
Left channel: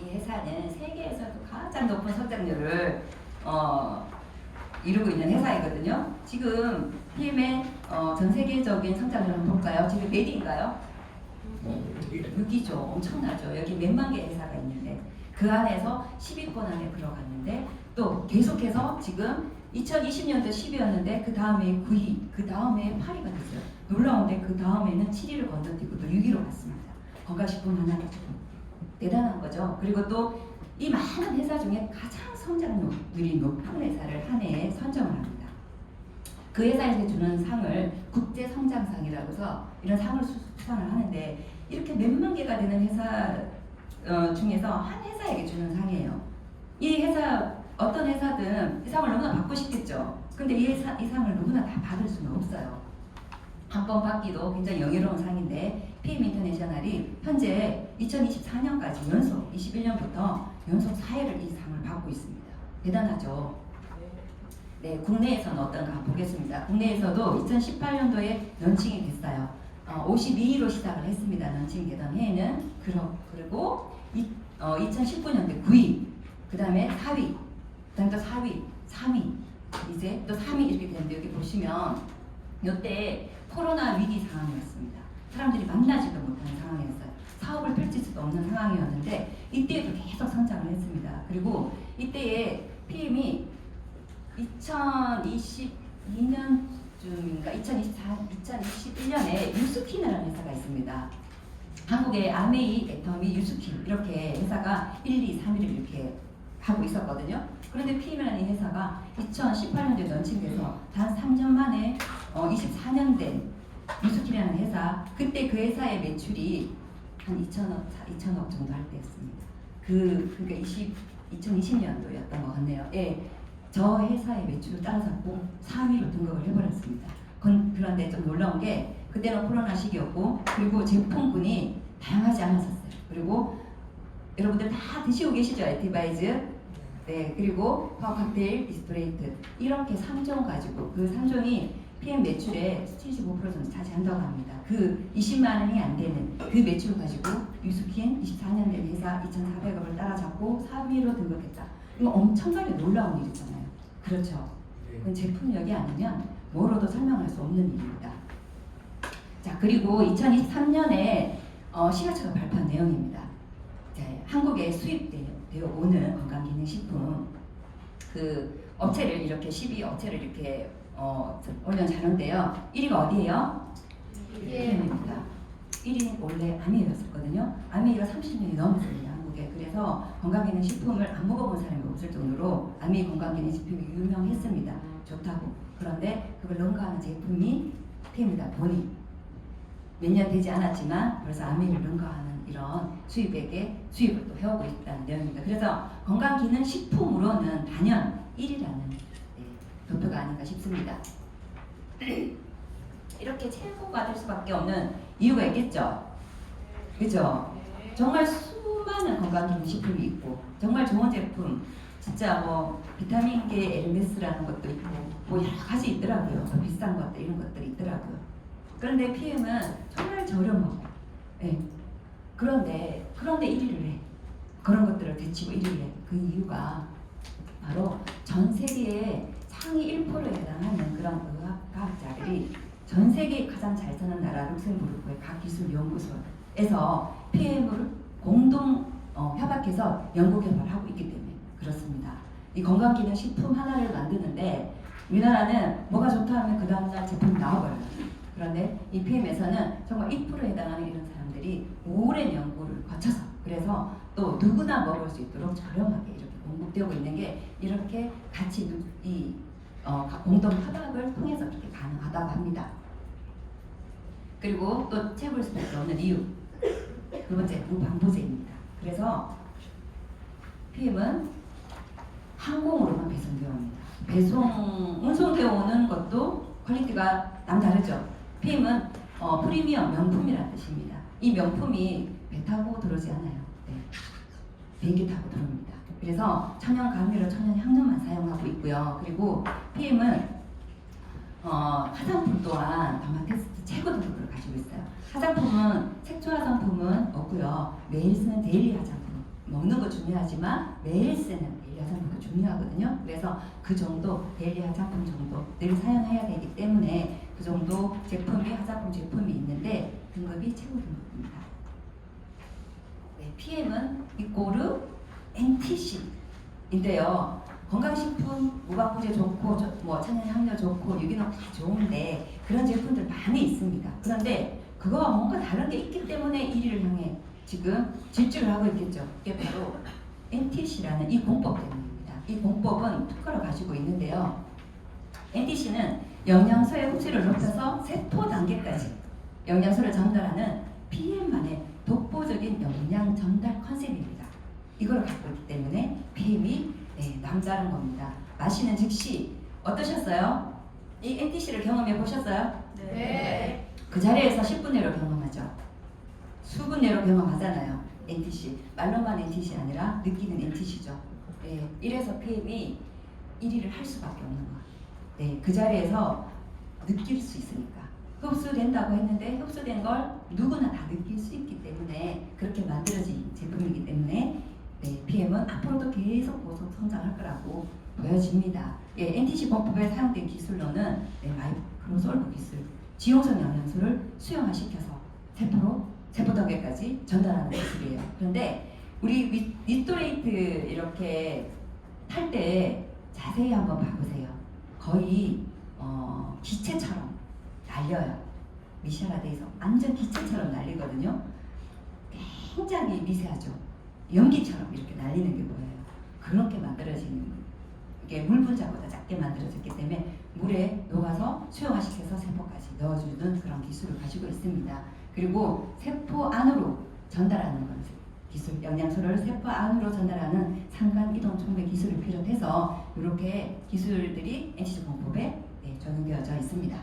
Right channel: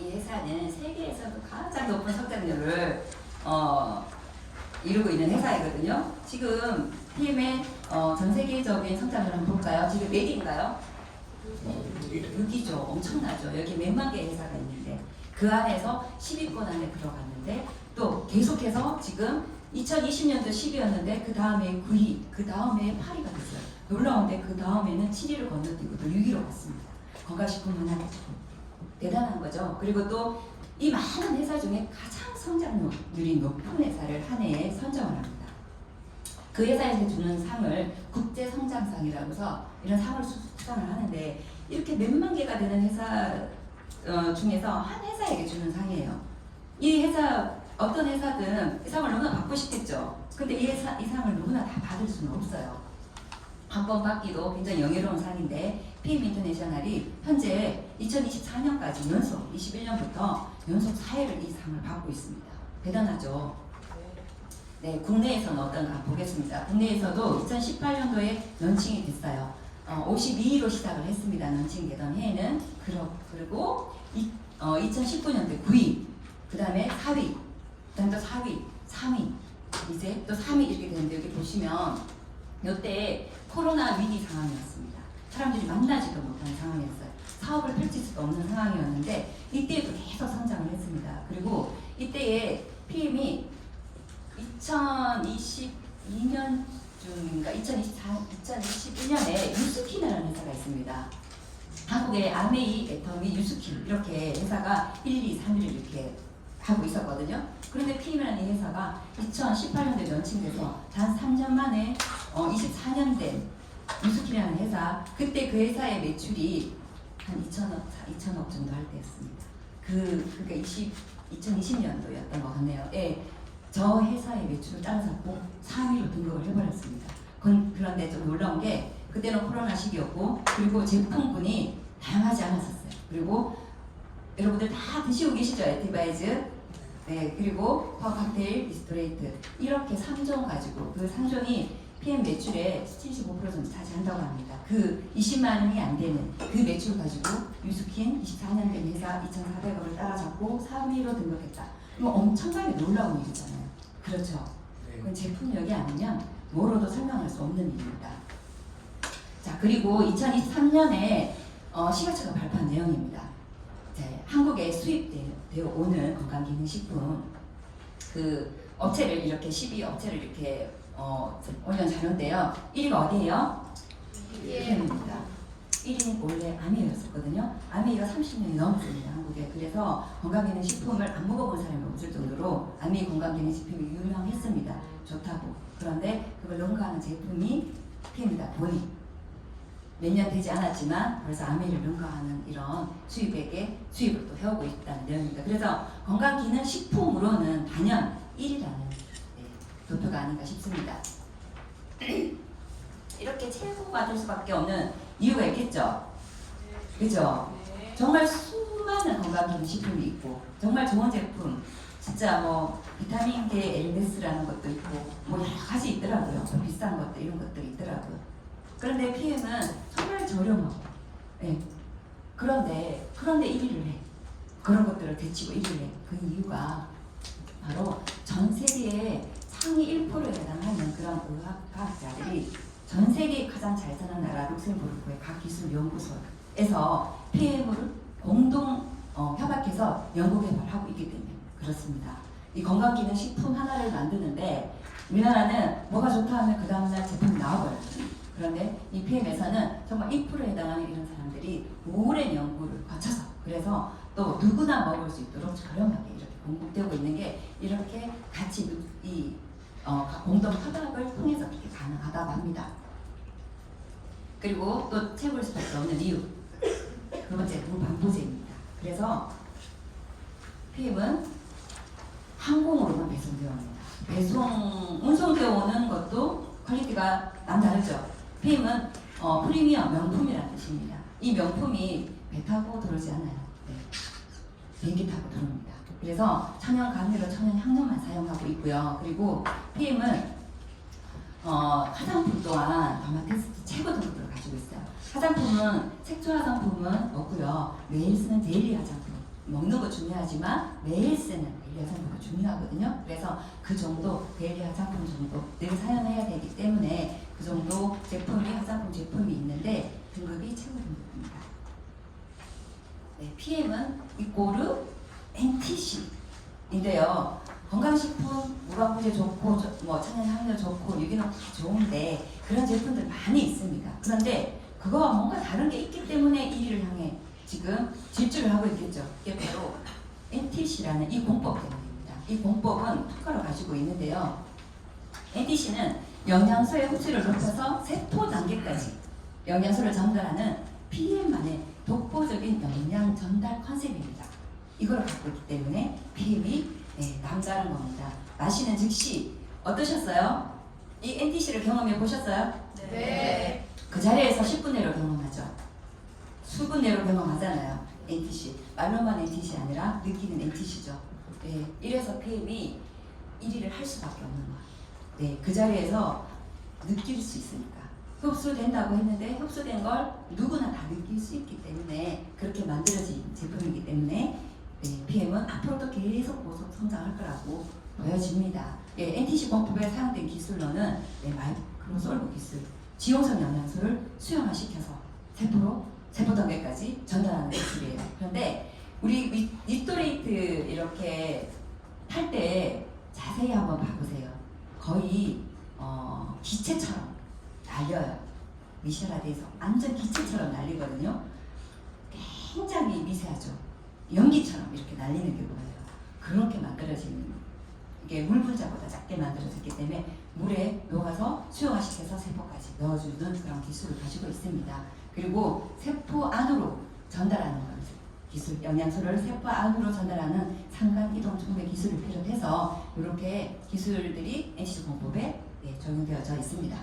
이 회사는 세계에서도 가장 높은 성장률을 이루고 있는 회사이거든요. 지금 PM의 전 세계적인 성장률을 한번 볼까요? 지금 몇 위인가요? 6위죠. 엄청나죠. 여기 몇만 개의 회사가 있는데 그 안에서 10위권 안에 들어갔는데, 또 계속해서 지금 2020년도 10위였는데 그 다음에 9위, 그 다음에 8위가 됐어요. 놀라운데 그 다음에는 7위를 건너뛰고 또 6위로 갔습니다. 건강식품 하나 대단한 거죠. 그리고 또 이 많은 회사 중에 가장 성장률이 높은 회사를 한 해에 선정을 합니다. 그 회사에서 주는 상을 국제성장상이라고 해서 이런 상을 수상을 하는데, 이렇게 몇만 개가 되는 회사 중에서 한 회사에게 주는 상이에요. 이 회사 어떤 회사든 이 상을 누구나 받고 싶겠죠. 근데 이 상을 누구나 다 받을 수는 없어요. 한 번 받기도 굉장히 영예로운 상인데 PM 인터내셔널이 현재 2024년까지 연속 21년부터 연속 4회를 이 상을 받고 있습니다. 대단하죠. 네, 국내에서는 어떤가 보겠습니다. 국내에서도 2018년도에 런칭이 됐어요. 52위로 시작을 했습니다. 런칭되던 해에는 그리고 2019년도에 9위, 그 다음에 4위, 그 다음에 또 4위, 3위, 이제 또 3위 이렇게 되는데 여기 보시면 이때 코로나 위기 상황이었습니다. 사람들이 만나지도 못하는 상황이었어요. 사업을 펼칠 수도 없는 상황이었는데 이때도 계속 성장을 했습니다. 그리고 이때에 PM이 2022년쯤인가 2021년에 유스킨이라는 회사가 있습니다. 한국의 아메이, 애터미, 유스킨 이렇게 회사가 1, 2, 3위를 이렇게 하고 있었거든요. 그런데 PM이라는 이 회사가 2018년도에 런칭돼서 단 3년 만에 24년 된 유스킨이라는 회사, 그때 그 회사의 매출이 한 2천억 정도 할 때였습니다. 그러니까 2020년도였던 것 같네요. 예, 저 회사의 매출을 따라잡고 4위로 등극을 해버렸습니다. 그런데 좀 놀라운 게 그때는 코로나 시기였고 그리고 제품군이 다양하지 않았었어요. 그리고 여러분들 다 드시고 계시죠? 에티바이즈. 네, 그리고 칵테일, 디스토레이트 이렇게 3종 가지고 그 3종이 PM 매출의 75% 정도 차지한다고 합니다. 그 20만 원이 안 되는 그 매출 가지고 유스킨 24년 된 회사 2,400억을 따라잡고 3위로 등극했다. 이거 엄청나게 놀라운 일이잖아요. 그렇죠. 그건 제품력이 아니면 뭐로도 설명할 수 없는 일입니다. 자, 그리고 2023년에 식약처가 발표한 내용입니다. 자, 한국에 수입되어 오는 건강기능식품 그 업체를 이렇게 12업체를 이렇게 올려놓은데요. 1위가 어디예요? PM입니다. 1위는 원래 아메이였었거든요. 아메이가 30년이 넘었습니다. 한국에. 그래서 건강기능식품을 안 먹어본 사람이 없을 정도로 아메이 건강기능식품이 유명했습니다. 좋다고. 그런데 그걸 능가하는 제품이 PM이다 보니 몇 년 되지 않았지만 벌써 아메이를 능가하는 이런 수입을 또 해오고 있다는 내용입니다. 그래서 건강기능식품으로는 단연 1위라는 도표가 아닌가 싶습니다. 이렇게 최고가 될 수밖에 없는 이유가 있겠죠. 그죠? 정말 수많은 건강기능식품이 있고 정말 좋은 제품, 진짜 뭐 비타민계 엘데스라는 것도 있고 뭐 여러 가지 있더라고요. 비싼 것들 이런 것들이 있더라고요. 그런데 PM은 정말 저렴하고, 네. 그런데 1위를 해. 그런 것들을 제치고 1위를 해. 그 이유가 바로 전 세계의 상위 1%에 해당하는 그런 의학과학자들이 전 세계에 가장 잘 사는 나라 룩셈부르크의 과학기술연구소에서 PM을 공동 협약해서 연구개발하고 있기 때문에 그렇습니다. 이 건강기능식품 하나를 만드는데 우리나라는 뭐가 좋다 하면 그 다음날 제품이 나와버려요. 그런데 이 PM에서는 정말 1%에 해당하는 이런 사람들이 오랜 연구를 거쳐서 그래서 또 누구나 먹을 수 있도록 저렴하게 이렇게 공급되고 있는 게 이렇게 같이 이 공동 협약을 통해서 이렇게 가능하다고 합니다. 그리고 또 채울 수밖에 없는 이유 두 번째 무방부제입니다. 그래서 PM은 항공으로만 배송되어 옵니다. 운송되어 오는 것도 퀄리티가 남다르죠. PM은 프리미엄 명품이라는 뜻입니다. 이 명품이 배 타고 들어오지 않아요. 네. 비행기 타고 들어옵니다. 그래서 천연 감미료, 천연 향료만 사용하고 있고요. 그리고 PM은 화장품 또한 더마테스트 최고 등급을 가지고 있어요. 화장품은 색조 화장품은 없고요. 매일 쓰는 데일리 화장품. 먹는 거 중요하지만 매일 쓰는 데일리 화장품이 중요하거든요. 그래서 그 정도 데일리 화장품 정도 늘 사용해야 되기 때문에 그 정도 제품이 화장품 제품이 있는데 등급이 최고 등급입니다. 네, PM은 이꼬르 NTC인데요. 건강식품, 무방부제 좋고 뭐 천연향료 좋고 유기농 다 좋은데 그런 제품들 많이 있습니다. 그런데 그거와 뭔가 다른 게 있기 때문에 1위를 향해 지금 질주를 하고 있겠죠. 이게 바로 NTC라는 이 공법 때문입니다. 이 공법은 특허를 가지고 있는데요. NTC는 영양소의 흡수를 높여서 세포 단계까지 영양소를 전달하는 PM만의 독보적인 영양 전달 컨셉입니다. 이걸 갖고 있기 때문에 PM이 남다른 겁니다. 마시는 즉시 어떠셨어요? 이 NTC를 경험해 보셨어요? 네. 그 자리에서 10분 내로 경험하죠. 수분 내로 경험하잖아요. NTC. 말로만 NTC 아니라 느끼는 NTC죠. 네, 이래서 PM이 1위를 할 수밖에 없는 거예요. 네, 그 자리에서 느낄 수 있으니까. 흡수된다고 했는데 흡수된 걸 누구나 다 느낄 수 있기 때문에 그렇게 만들어진 제품이기 때문에 PM은 앞으로도 계속 고속 성장할 거라고 보여집니다. NTC 공법에 사용된 기술로는 마이크로솔브 기술, 지용성 영양소를 수용화시켜서 세포단계까지 전달하는 기술이에요. 그런데 우리 니토레이트 이렇게 탈 때 자세히 한번 봐보세요. 거의 기체처럼 날려요. 미쉐라드에서 완전 기체처럼 날리거든요. 굉장히 미세하죠. 연기처럼 이렇게 날리는 게 뭐예요? 그렇게 만들어진 이게 물 분자보다 작게 만들어졌기 때문에 물에 녹아서 수용화시켜서 세포까지 넣어주는 그런 기술을 가지고 있습니다. 그리고 세포 안으로 전달하는 것 기술, 영양소를 세포 안으로 전달하는 상간 이동 촉매 기술을 비롯해서 이렇게 기술들이 NTC 공법에 적용되어져 있습니다.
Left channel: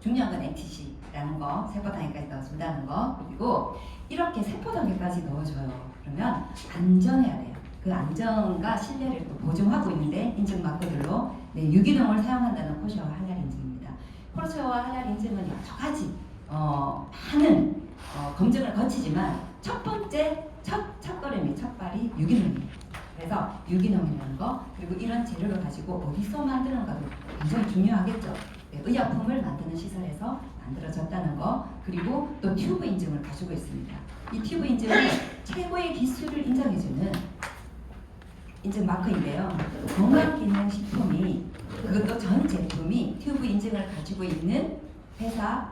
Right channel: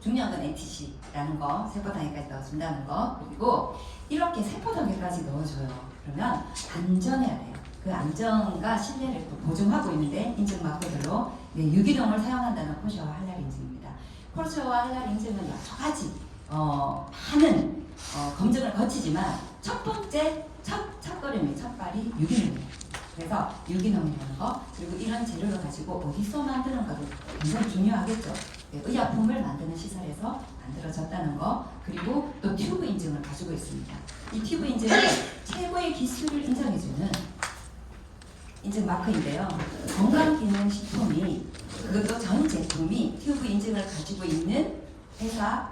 중요한 건 NTC라는 거, 세포단계까지 넣어준다는 거, 그리고 이렇게 세포단계까지 넣어줘요. 그러면 안전해야 돼요. 그 안전과 신뢰를 또 보증하고 있는데 인증 마크별로 유기농을 사용한다는 포르쉐와 할랄 인증입니다. 포르쉐와 할랄 인증은 여러 가지 많은 검증을 거치지만 첫 번째 첫걸음이 첫발이 유기농이에요. 그래서 유기농이라는 거 그리고 이런 재료를 가지고 어디서 만드는 것도 굉장히 중요하겠죠. 의약품을 만드는 시설에서 만들어졌다는 거 그리고 또 튜브 인증을 가지고 있습니다. 이 튜브 인증은 최고의 기술을 인정해주는 인증 마크인데요. 건강기능식품이 그것도 전 제품이 튜브 인증을 가지고 있는 회사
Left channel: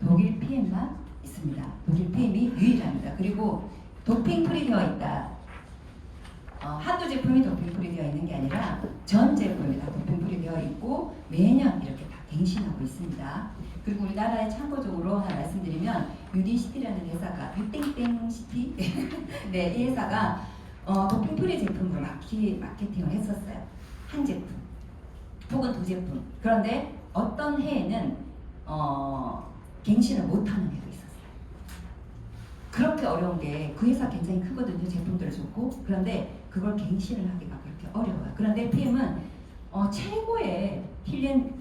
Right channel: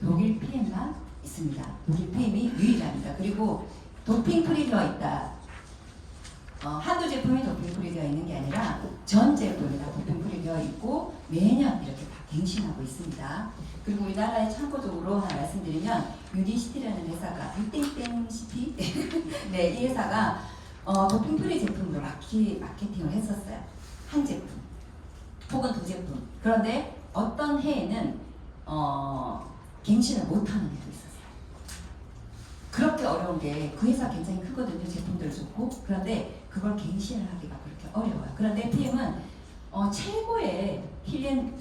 독일 PM만 있습니다. 독일 PM이 유일합니다. 그리고 도핑 프리 되어 있다. 한두 제품이 도핑 프리 되어 있는 게 아니라 전 제품이 다 도핑 프리 되어 있고 매년 이렇게 다 갱신하고 있습니다. 그리고 우리나라에 참고적으로 하나 말씀드리면 유디시티라는 회사가 유땡땡시티 이 회사가 도핑 프리 제품을 마케팅을 했었어요. 한 제품 혹은 두 제품. 그런데 어떤 해에는 갱신을 못하는 해도 있었어요. 그렇게 어려운 게 그 회사 굉장히 크거든요. 제품들 좋고 그런데 그걸 갱신을 하기가 그렇게 어려워요. 그런데 PM은 최고의 힐링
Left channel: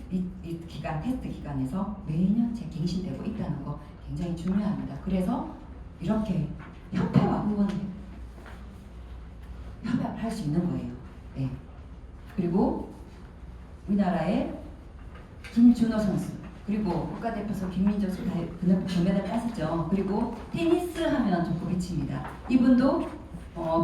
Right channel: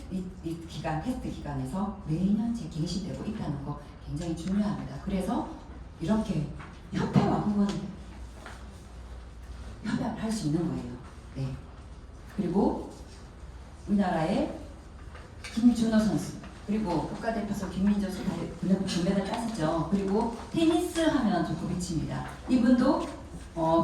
기간, 테스트 기간에서 매년 갱신되고 있다는 거 굉장히 중요합니다. 그래서 이렇게 협회와 협약을 할 수 있는 거예요. 네. 그리고 우리나라의 김준호 선수 그리고 국가대표소 김민조 선수 금메달 땄었죠. 그리고 테니스 하면 조코비치입니다. 이분도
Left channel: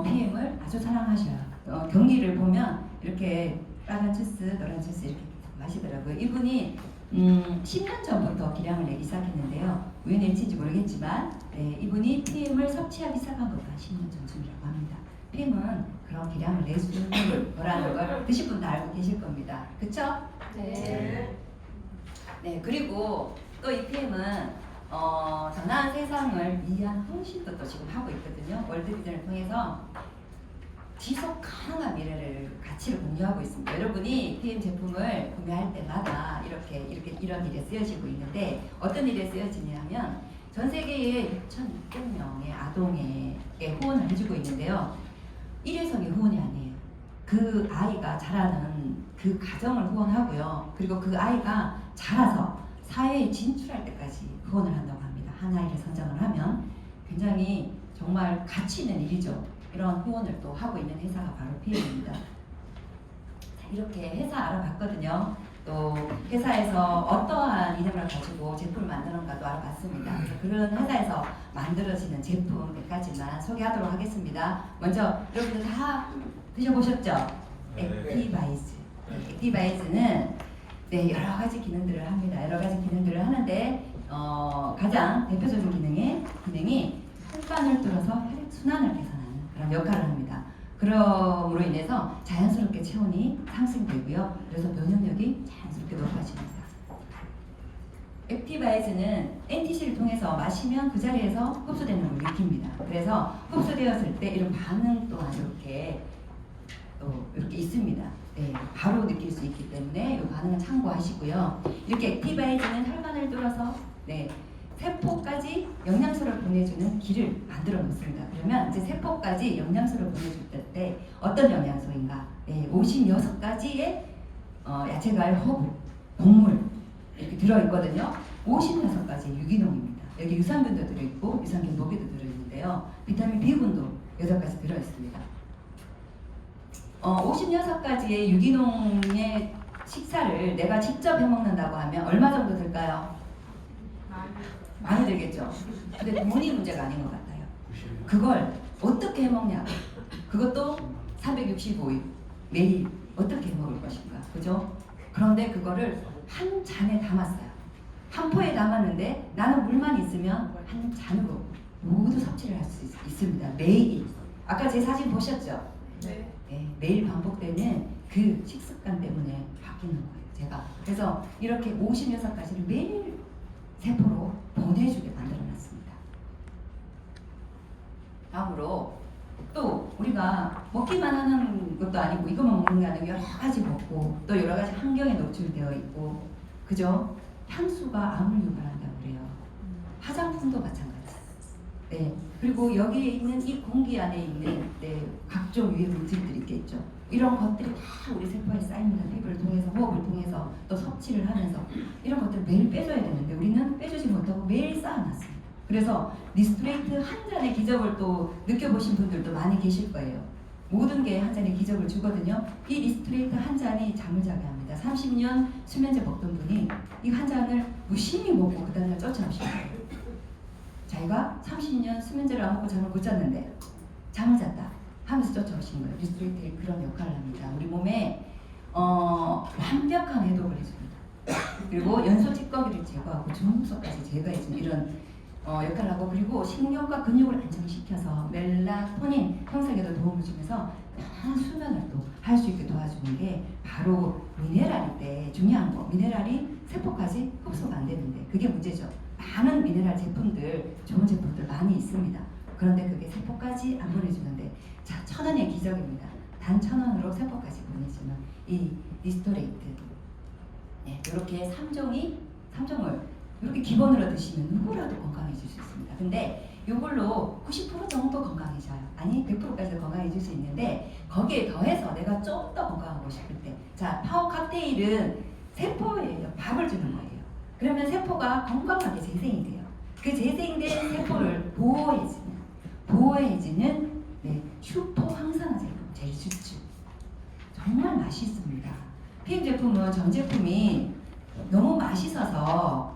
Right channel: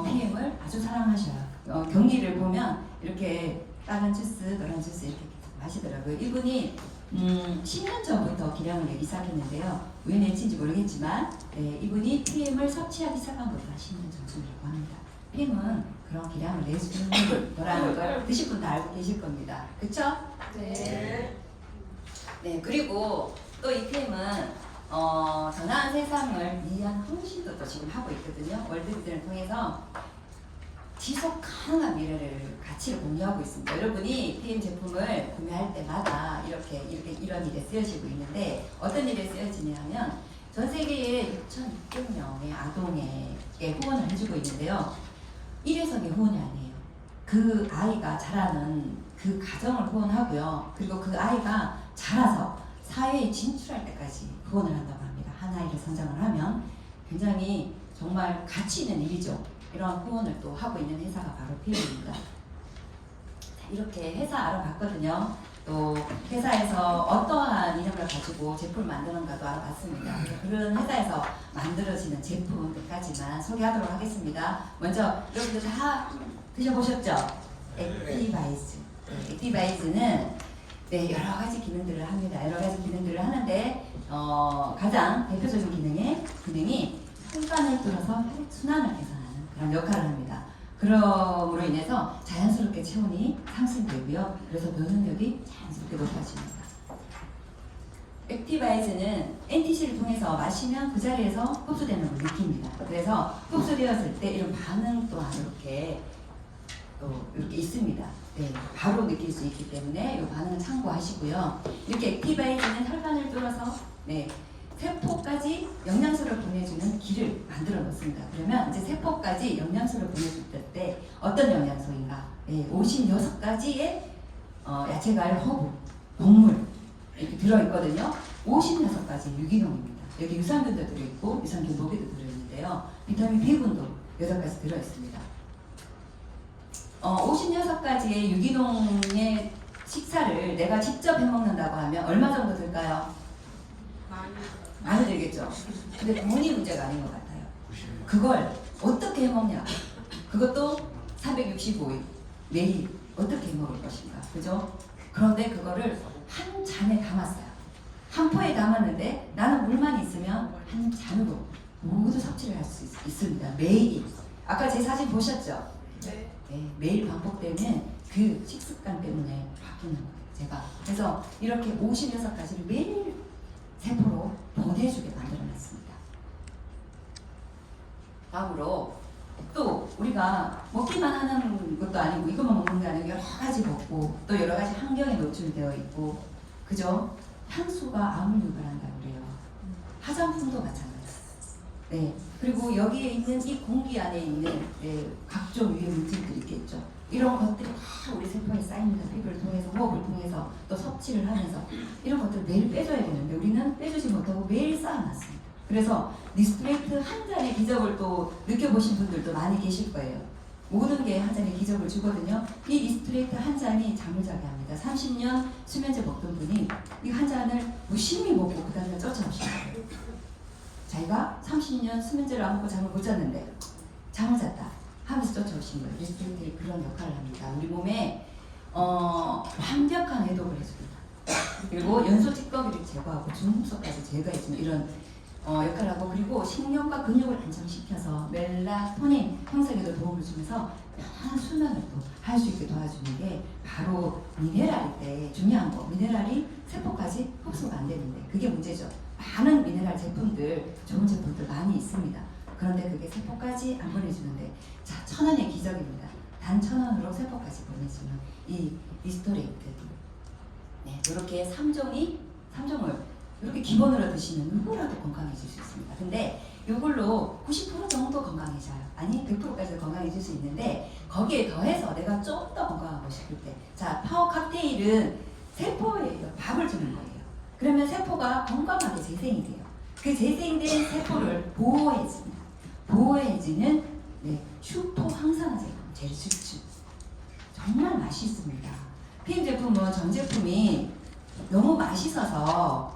PM을 아주 사랑하셔요. 경기를 보면 이렇게 빨간 주스, 노란 주스 이렇게 마시더라고요. 이분이 10년 전부터 기량을 내기 시작했는데요. 우연일치인지 모르겠지만 이분이 PM을 섭취하기 시작한 것도 10년 전쯤이라고 합니다. PM은 그런 기량을 내주는 거라는 걸 드실 분도 알고 계실 겁니다. 그쵸? 네. 네, 그리고 또 이 PM은 더 나은 세상을 위한 헌신도 또 지금 하고 있거든요. 월드비전을 통해서 지속 가능한 미래를 가치를 공유하고 있습니다. 여러분이 PM 제품을 구매할 때마다 이런 일에 쓰여지고 있는데 어떤 일에 쓰여지냐면 전 세계에 6,600명의 아동에게 후원을 해주고 있는데요. 일회성의 후원이 아니에요. 그 아이가 자라는 그 가정을 후원하고요. 그리고 그 아이가 자라서 사회에 진출할 때까지 후원을 한다고 합니다. 한 아이가 성장을 하면 굉장히 정말 가치 있는 일이죠. 이런 후원을 또 하고 있는 회사가 바로 PM입니다. 이렇게 회사 알아봤거든요. 또 회사에서 어떠한 이름을 가지고 제품을 만드는가도 알아봤습니다. 그런 회사에서 만들어지는 제품 몇 가지만 소개하도록 하겠습니다. 먼저 여러분들 다 드셔보셨죠? 액티바이즈. 액티바이즈는 여러 가지 기능들을 합니다. 여러 가지 기능들을 하는데 가장 대표적인 기능이 혈관을 뚫어서 혈액순환을 개선하는 그런 역할을 합니다. 그럼으로 인해서 자연스럽게 체온이 상승되고요. 그래서 면역력이 자연스럽게 높아집니다. 액티바이즈는 NTC를 통해서 마시면 그 자리에서 흡수되는 걸 느낍니다. 그래서 흡수되었을 때 이런 반응 또한 이렇게 또 이렇게 있습니다. 네, 바로 느낄 수 있기 때문에 이 반응은 참고하시고요. 이렇게 액티바이즈는 혈관을 뚫어서 네, 세포까지 영양소를 보내주는 길을 만들어 놓습니다. 그러면 이제 세포까지 영양소를 보내줄 때 어떤 영양소인가? 네, 56가지의 야채과일, 허브, 곡물 이렇게 들어있거든요. 56가지 유기농입니다. 여기 유산균도 들어있고 유산균 먹이도 들어있는데요. 비타민 B군도 6가지 들어있습니다. 56가지의 유기농의 식사를 내가 직접 해먹는다고 하면 얼마 정도 들까요? 많이 들겠죠. 근데 돈이 문제가 아닌 것 같아요. 그걸 어떻게 해먹냐? 그것도 465일 매일 어떻게 해먹을 것인가? 그죠? 그런데 그거를 한 잔에 담았어요. 한 포에 담았는데 나는 물만 있으면 한 잔으로 모두 섭취를 할 수 있습니다. 매일. 아까 제 사진 보셨죠? 네. 네, 매일 반복되는 그 식습관 때문에 바뀌는 거예요. 제가 그래서 이렇게 56가지를 매일 세포로 보내주게 만들어놨습니다. 다음으로 또 우리가 먹기만 하는 것도 아니고 이것만 먹는 게 아니고 여러 가지 먹고 또 여러 가지 환경에 노출되어 있고 그죠? 향수가 암을 유발한다고 그래요. 화장품도 마찬가지예요. 네. 그리고 여기에 있는 이 공기 안에 있는 각종 위험 물질들이 있겠죠. 이런 것들이 다 우리 세포에 쌓입니다. 피부를 통해서 호흡을 통해서 또 섭취를 하면서 이런 것들 매일 빼줘야 되는데 우리는 빼주지 못하고 매일 쌓아놨습니다. 그래서 니스트레이트 한 잔의 기적을 또 느껴보신 분들도 많이 계실 거예요. 모든 게 한 잔의 기적을 주거든요. 이 니스트레이트 한 잔이 잠을 자게 합니다. 30년 수면제 먹던 분이 이 한 잔을 무심히 먹고 그 다음에 쫓아오시더라고요. 자기가 30년 수면제를 안 먹고 잠을 못 잤는데 잠을 잤다 하면서 쫓아오신 거예요. 니스트레이트는 그런 역할을 합니다. 우리 몸에 완벽한 해독을 해줍니다. 그리고 연소 찌꺼기를 제거하고 중금속까지 제거해주는 이런 역할을 하고 그리고 신경과 근육을 안정시켜서 멜라토닌 형성에도 도움을 주면서 편한 수면을 또 할 수 있게 도와주는 게 바로 미네랄인데 중요한 거 미네랄이 세포까지 흡수가 안 되는데 그게 문제죠. 많은 미네랄 제품들 좋은 제품들 많이 있습니다. 그런데 그게 세포까지 안 보내주는데 자 1,000원의 기적입니다. 단 1,000원으로 세포까지 보내주는 이 리스토레이트 네, 이렇게 3종을 이렇게 기본으로 드시면 누구라도 건강해질 수 있습니다. 근데 이걸로 90% 정도 건강해져요. 아니 100%까지 건강해질 수 있는데 거기에 더해서 내가 좀 더 건강하고 싶을 때 자 파워 칵테일은 세포에 밥을 주는 거예요. 그러면 세포가 건강하게 재생이 돼요. 그 재생된 세포를 보호해주는 슈퍼 항산화 제품 젤수츠 정말 맛있습니다. PM 제품은 전 제품이 너무 맛있어서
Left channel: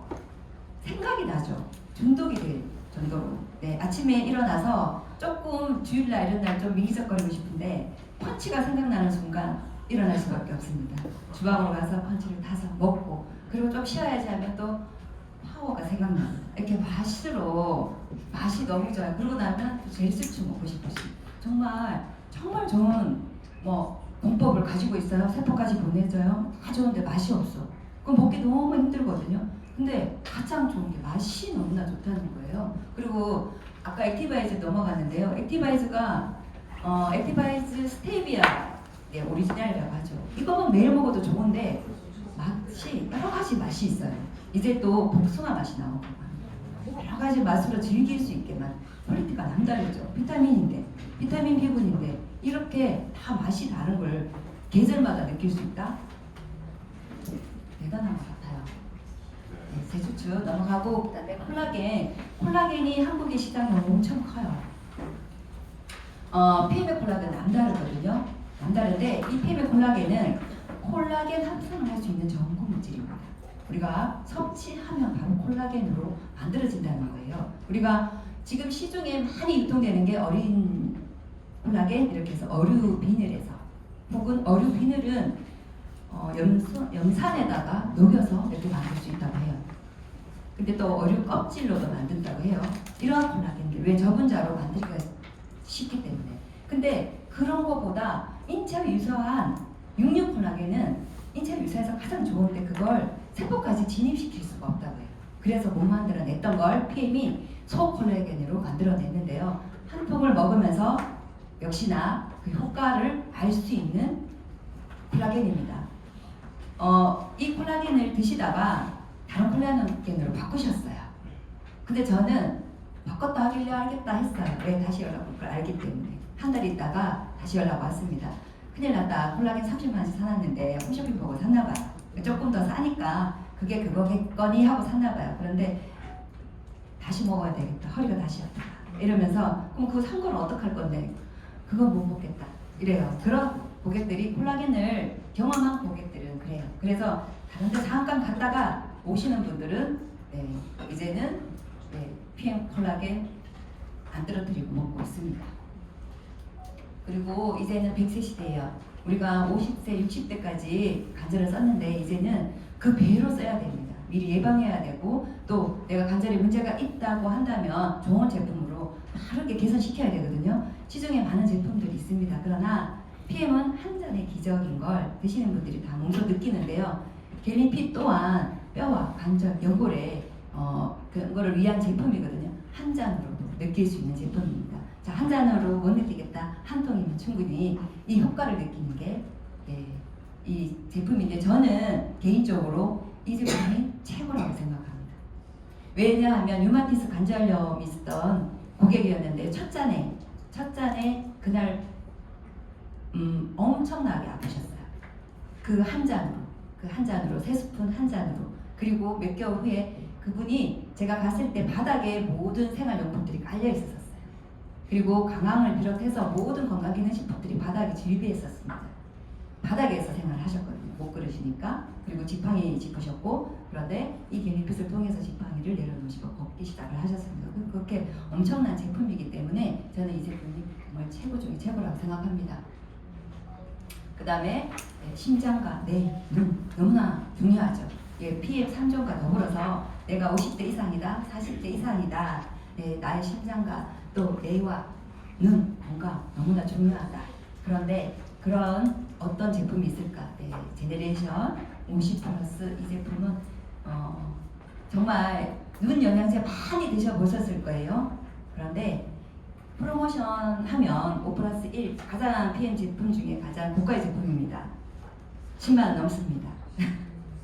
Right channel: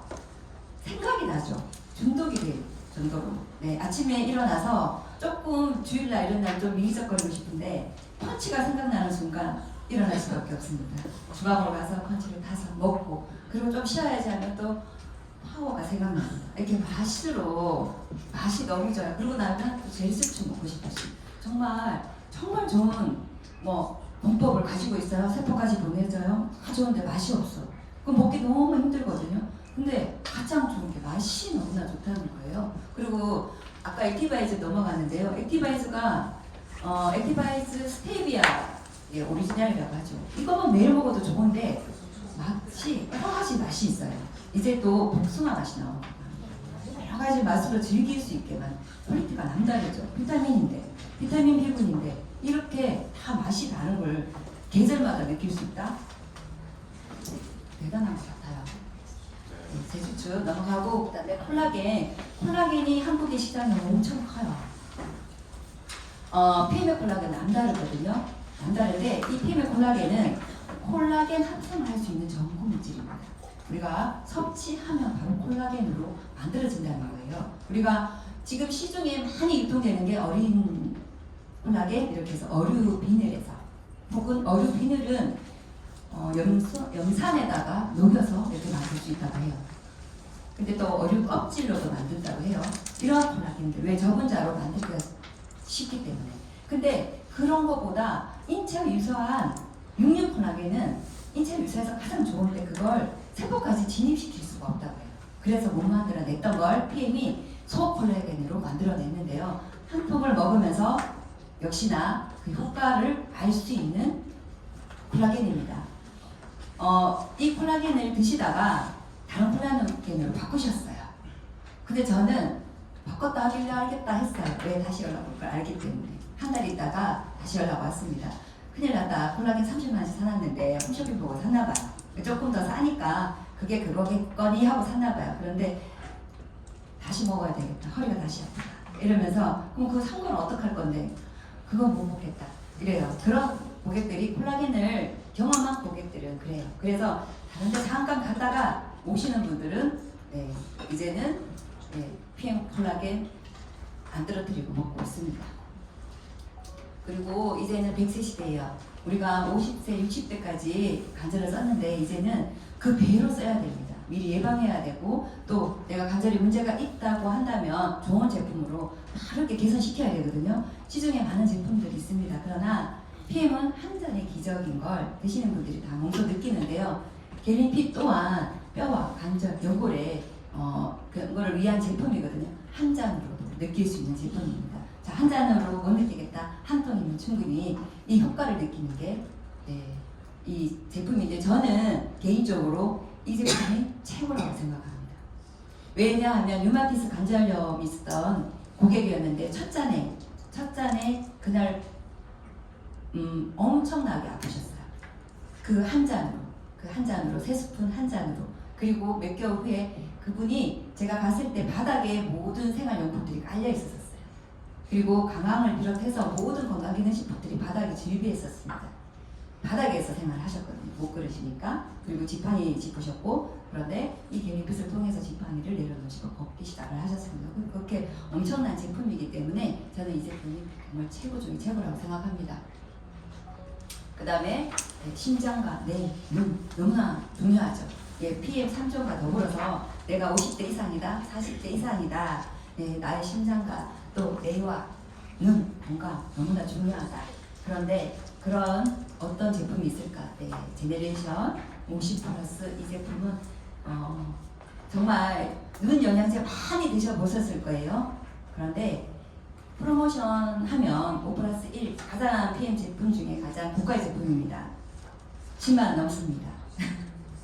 생각이 나죠. 중독이 될 정도로. 네, 아침에 일어나서 조금 주일날 이런 날 좀 미리적거리고 싶은데 펀치가 생각나는 순간 일어날 수밖에 없습니다. 주방으로 가서 펀치를 타서 먹고 그리고 좀 쉬어야지 하면 또 파워가 생각납니다. 이렇게 맛이 너무 좋아요. 그러고 나면 또 젤수츠 먹고 싶으시 정말 좋은 공법을 가지고 있어요. 세포까지 보내줘요. 다 좋은데 맛이 없어. 그럼 먹기 너무 힘들거든요. 근데 가장 좋은 게 맛이 너무나 좋다는 거예요. 그리고 아까 액티바이즈 넘어가는데요. 액티바이즈가 액티바이즈 스테비아 오리지널이라고 하죠. 이거만 매일 먹어도 좋은데 맛이 여러 가지 맛이 있어요. 이제 또 복숭아 맛이 나오고 여러 가지 맛으로 즐길 수 있게만 퀄리티가 남다르죠. 비타민 B군인데 이렇게 다 맛이 다른 걸 계절마다 느낄 수 있다. 대단한 것 같아요. 제주추 넘어가고 그다음에 콜라겐이 한국의 시장이 엄청 커요. PM의 콜라겐 남다르거든요. 남다른데 이 PM의 콜라겐은 콜라겐 합성을 할 수 있는 전구 물질입니다. 우리가 섭취하면 바로 콜라겐으로 만들어진다는 거예요. 우리가 지금 시중에 많이 유통되는 게 어린 콜라겐 이렇게 해서 어류 비늘에서 혹은 어류 비늘은 염산에다가 녹여서 이렇게 만들 수 있다고 해요. 근데 또 어류 껍질로도 만든다고 해요. 이런 콜라겐들 왜 저분자로 만들기가 쉽기 때문에. 근데 그런 거보다 인체로 유사한 육류 콜라겐은 인체로 유사해서 가장 좋은데 그걸 세포까지 진입시킬 수가 없다고 해요. 그래서 못 만들어냈던 걸 PM이 소콜라겐으로 만들어냈는데요. 한 통을 먹으면서 역시나 그 효과를 알 수 있는 콜라겐입니다. 이 콜라겐을 드시다가 다른 콜라겐으로 바꾸셨어요. 근데 저는 바꿨다 하길래 알겠다 했어요. 왜 다시 연락 올 걸 알기 때문에. 한 달 있다가 다시 연락 왔습니다. 큰일 났다. 콜라겐 30만원씩 사놨는데 홈쇼핑 보고 샀나봐요. 조금 더 싸니까 그게 그거겠거니 하고 샀나봐요. 그런데 다시 먹어야 되겠다. 허리가 다시 아프다. 이러면서 그럼 그거 산 거는 어떡할 건데? 그거 못 먹겠다. 이래요. 그런 고객들이 콜라겐을 경험한 고객들은 그래요. 그래서 다른 데 잠깐 갔다가 오시는 분들은 이제는 PM 콜라겐 안 떨어뜨리고 먹고 있습니다. 그리고 이제는 100세 시대예요. 우리가 50세, 60대까지 관절을 썼는데 이제는 그 배로 써야 됩니다. 미리 예방해야 되고 또 내가 관절에 문제가 있다고 한다면 좋은 제품으로 바르게 개선시켜야 되거든요. 시중에 많은 제품들이 있습니다. 그러나 PM은 한 잔의 기적인 걸 드시는 분들이 다 몸소 느끼는데요. 겔린핏 또한 뼈와 관절, 연골에 그런 거를 위한 제품이거든요. 한 잔으로도 느낄 수 있는 제품입니다. 자, 한 잔으로 못 느끼겠다. 한 통이면 충분히 이 효과를 느끼는 게 이 제품인데 저는 개인적으로 이 제품이 최고라고 생각합니다. 왜냐하면 류마티스 관절염이 있었던 고객이었는데 첫 잔에 그날 엄청나게 아프셨어요. 그 한 잔으로 3스푼 한 잔으로. 그리고 몇 개월 후에 그분이 제가 갔을 때 바닥에 모든 생활용품들이 깔려 있었어요. 그리고 강황을 비롯해서 모든 건강기능식품들이 바닥에 질비했었습니다. 바닥에서 생활하셨거든요. 못 걸으시니까. 그리고 지팡이 짚으셨고, 그런데 이 겔린핏을 통해서 지팡이를 내려놓으시고 걷기 시작을 하셨습니다. 그렇게 엄청난 제품이기 때문에 저는 이 제품이 정말 최고 중에 최고라고 생각합니다. 그 다음에 심장과 눈 너무나 중요하죠. PM 3종과 더불어서 내가 50대 이상이다, 40대 이상이다, 나의 심장과 또 뇌와 눈 건강 너무나 중요하다. 그런데 그런 어떤 제품이 있을까? 제네레이션 50 플러스 이 제품은 정말 눈 영양제 많이 드셔보셨을 거예요. 그런데 프로모션 하면 5 플러스 1 가장 PM 제품 중에 가장 고가의 제품입니다. 10만 원 넘습니다.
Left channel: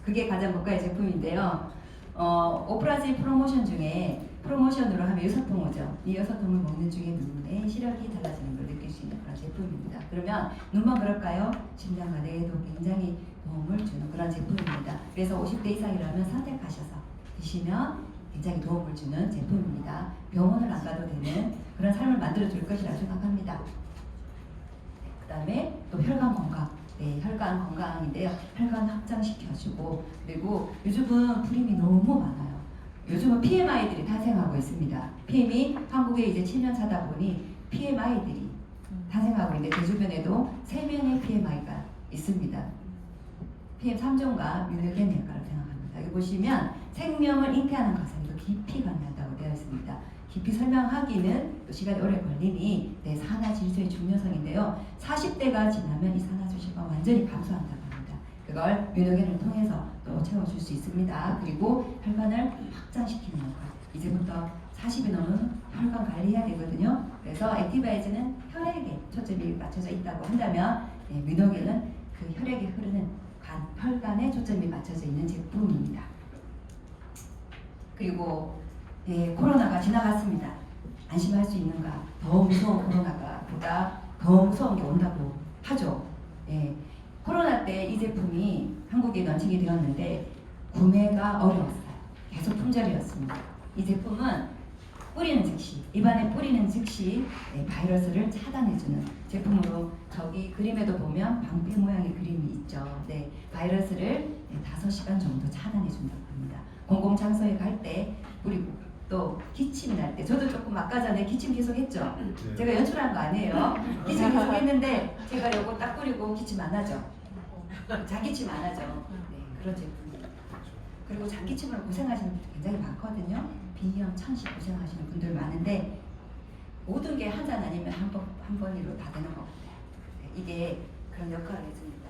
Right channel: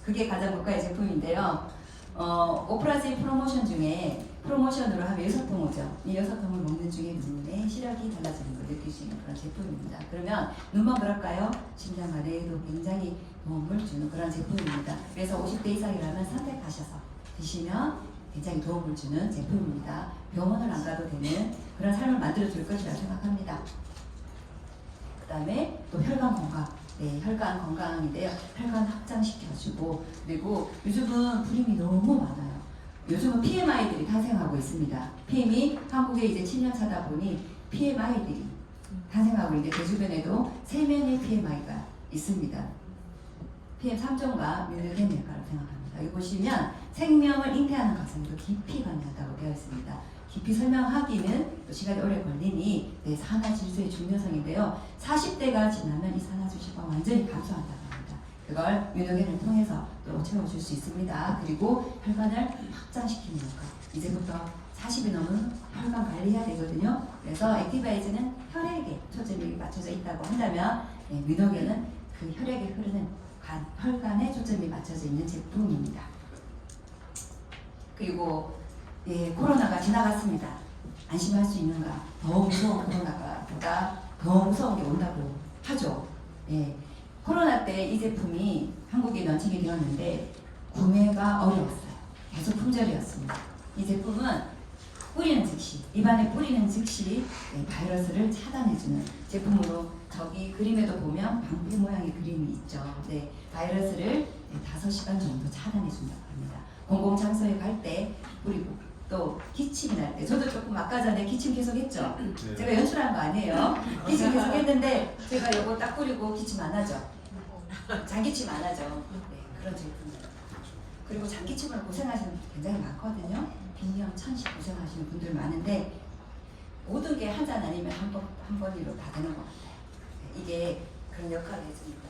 그게 가장 고가의 제품인데요. 5 플러스 1 프로모션 중에 프로모션으로 하면 6통 오죠. 이 6통을 먹는 중에 눈의 시력이 달라지는 걸 느낄 수 있는 그런 제품입니다. 그러면 눈만 그럴까요? 심장과 뇌에도 굉장히 도움을 주는 그런 제품입니다. 그래서 50대 이상이라면 선택하셔서 드시면 굉장히 도움을 주는 제품입니다. 병원을 안 가도 되는 그런 삶을 만들어 줄 것이라고 생각합니다. 그 다음에 또 혈관 건강. 혈관 건강인데요. 혈관 확장시켜주고, 그리고 요즘은 불임이 너무 많아요. 요즘은 PMI들이 탄생하고 있습니다. PM이 한국에 이제 7년 차다 보니 PMI들이 탄생하고 있는데 제 주변에도 3명의 PMI가 있습니다. PM 3종과 밀려된 역할을 생각합니다. 여기 보시면 생명을 잉태하는 과정도 깊이 관여하다고 되어 있습니다. 깊이 설명하기는 또 시간이 오래 걸리니 산화 질소의 중요성인데요. 40대가 지나면 이 산화 질소가 완전히 감소한다고 합니다. 그걸 뮤노겐을 통해서 또 채워줄 수 있습니다. 그리고 혈관을 확장시키는 역할. 이제부터 40이 넘은 혈관 관리해야 되거든요. 그래서 액티바이즈는 혈액에 초점이 맞춰져 있다고 한다면 뮤노겐은 그 혈액에 흐르는 혈관에 초점이 맞춰져 있는 제품입니다. 그리고 코로나가 지나갔습니다. 안심할 수 있는가? 더 무서운 코로나가 보다 더 무서운 게 온다고 하죠. 코로나 때 이 제품이 한국에 런칭이 되었는데 구매가 어려웠어요. 계속 품절이었습니다. 이 제품은 뿌리는 즉시, 입안에 뿌리는 즉시 바이러스를 차단해주는 제품으로 저기 그림에도 보면 방귀 모양의 그림이 있죠. 바이러스를 5시간 정도 차단해준다고 합니다. 공공장소에 갈 때 뿌리고 또 기침이 날 때 저도 조금 아까 전에 기침 계속 했죠. 제가 연출한 거 아니에요. 기침 계속 했는데 제가 이거 딱 뿌리고 기침 안 하죠. 장기침 안 하죠. 그런 제품입니다. 그리고 장기침으로 고생하시는 분들 굉장히 많거든요. 빈혈, 천식 고생하시는 분들 많은데 모든 게 한 잔 아니면 한 번으로 다 되는 것 같아요. 이게 그런 역할을 해줍니다.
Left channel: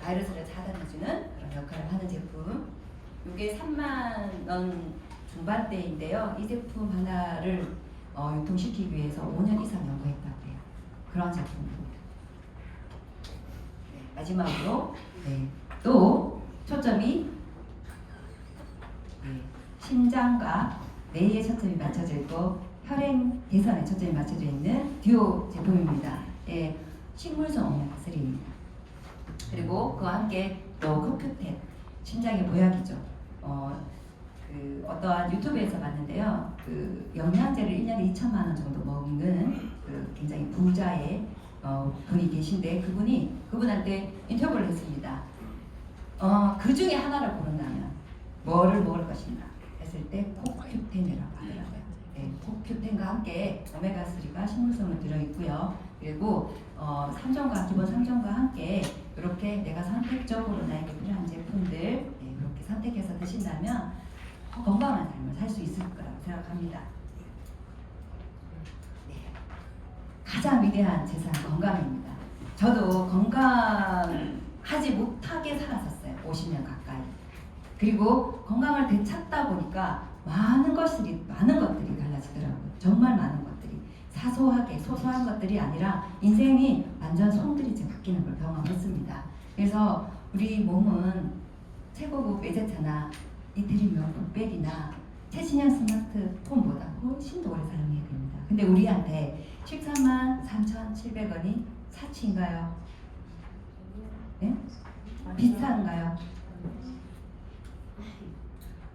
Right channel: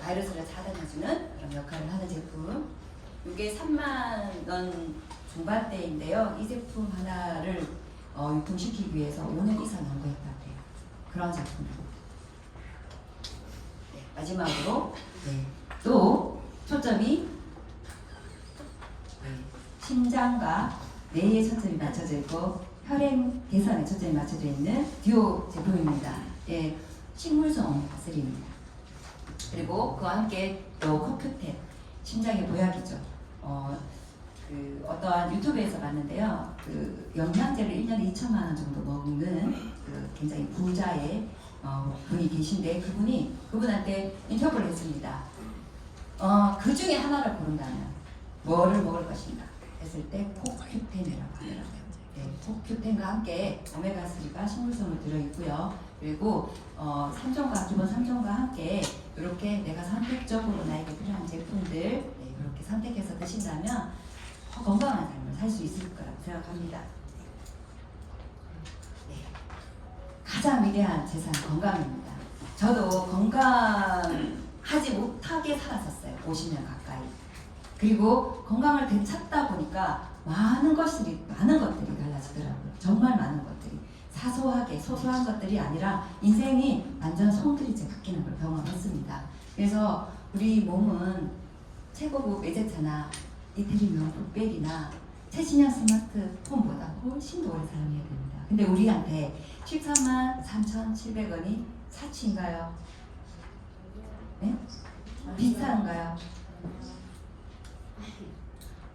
바이러스를 차단해주는 그런 역할을 하는 제품. 이게 3만 원 중반대인데요. 이 제품 하나를 유통시키기 위해서 5년 이상 연구했다고요. 그런 제품입니다. 네, 마지막으로 또 초점이 심장과 뇌에 초점이 맞춰져 있고 혈행 개선에 초점이 맞춰져 있는 듀오 제품입니다. 식물성 오메가3입니다. 그리고 그와 함께 또 코큐텐, 심장의 보약이죠. 어떠한 유튜브에서 봤는데요. 그 영양제를 1년에 2천만 원 정도 먹는 그 굉장히 부자의 분이 계신데 그분한테 인터뷰를 했습니다. 그 중에 하나를 고른다면 뭐를 먹을 것인가 했을 때 코큐텐이라고 하더라고요. 코큐텐과 함께 오메가3가 식물성으로 들어있고요. 그리고 3종과 기본 3종과 함께 이렇게 내가 선택적으로 나에게 필요한 제품들 이렇게 선택해서 드신다면 건강한 삶을 살 수 있을 거라고 생각합니다. 가장 위대한 재산 건강입니다. 저도 건강하지 못하게 살았었어요. 50년 가까이. 그리고 건강을 되찾다 보니까 많은 것들이 달라지더라고요. 정말 많은 것들이 사소하게 소소한 것들이 아니라 인생이 완전 송두리째 바뀌는 걸 경험했습니다. 그래서 우리 몸은 최고급 외제차나 이태리 명품백이나 최신형 스마트폰보다 훨씬 더 오래 사용해야 됩니다. 근데 우리한테 13만 3,700원이 사치인가요? 네? 비싼가요?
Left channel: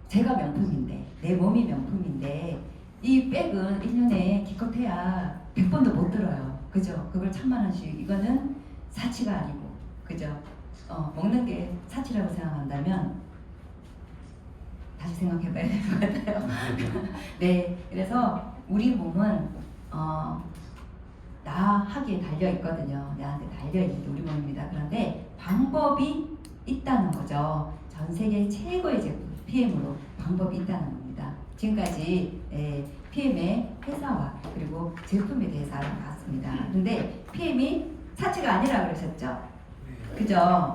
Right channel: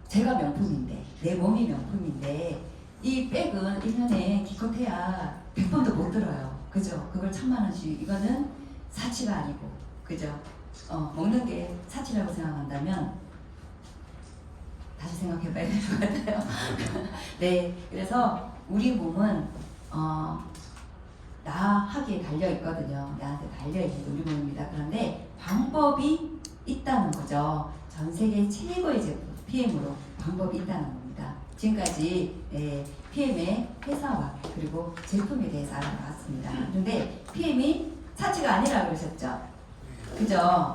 제가 명품인데, 내 몸이 명품인데 이 백은 1년에 기껏해야 100번도 못 들어요. 그죠? 그걸 1,000만 원씩, 이거는 사치가 아니고, 그죠? 먹는 게 사치라고 생각한다면 다시 생각해봐야 될 것 같아요. 네, 그래서 우리 몸은 나에게 달려있거든요. 나한테 달려있는 우리 몸입니다. 그런데 방법이 있다는 거죠. 전 세계 최고의 제품 PM으로 방법이 있다는 겁니다. 지금까지 PM의 회사와 그리고 제품에 대해서 알아봤습니다. 근데 PM이 사치가 아니라고 그러셨죠? 그죠?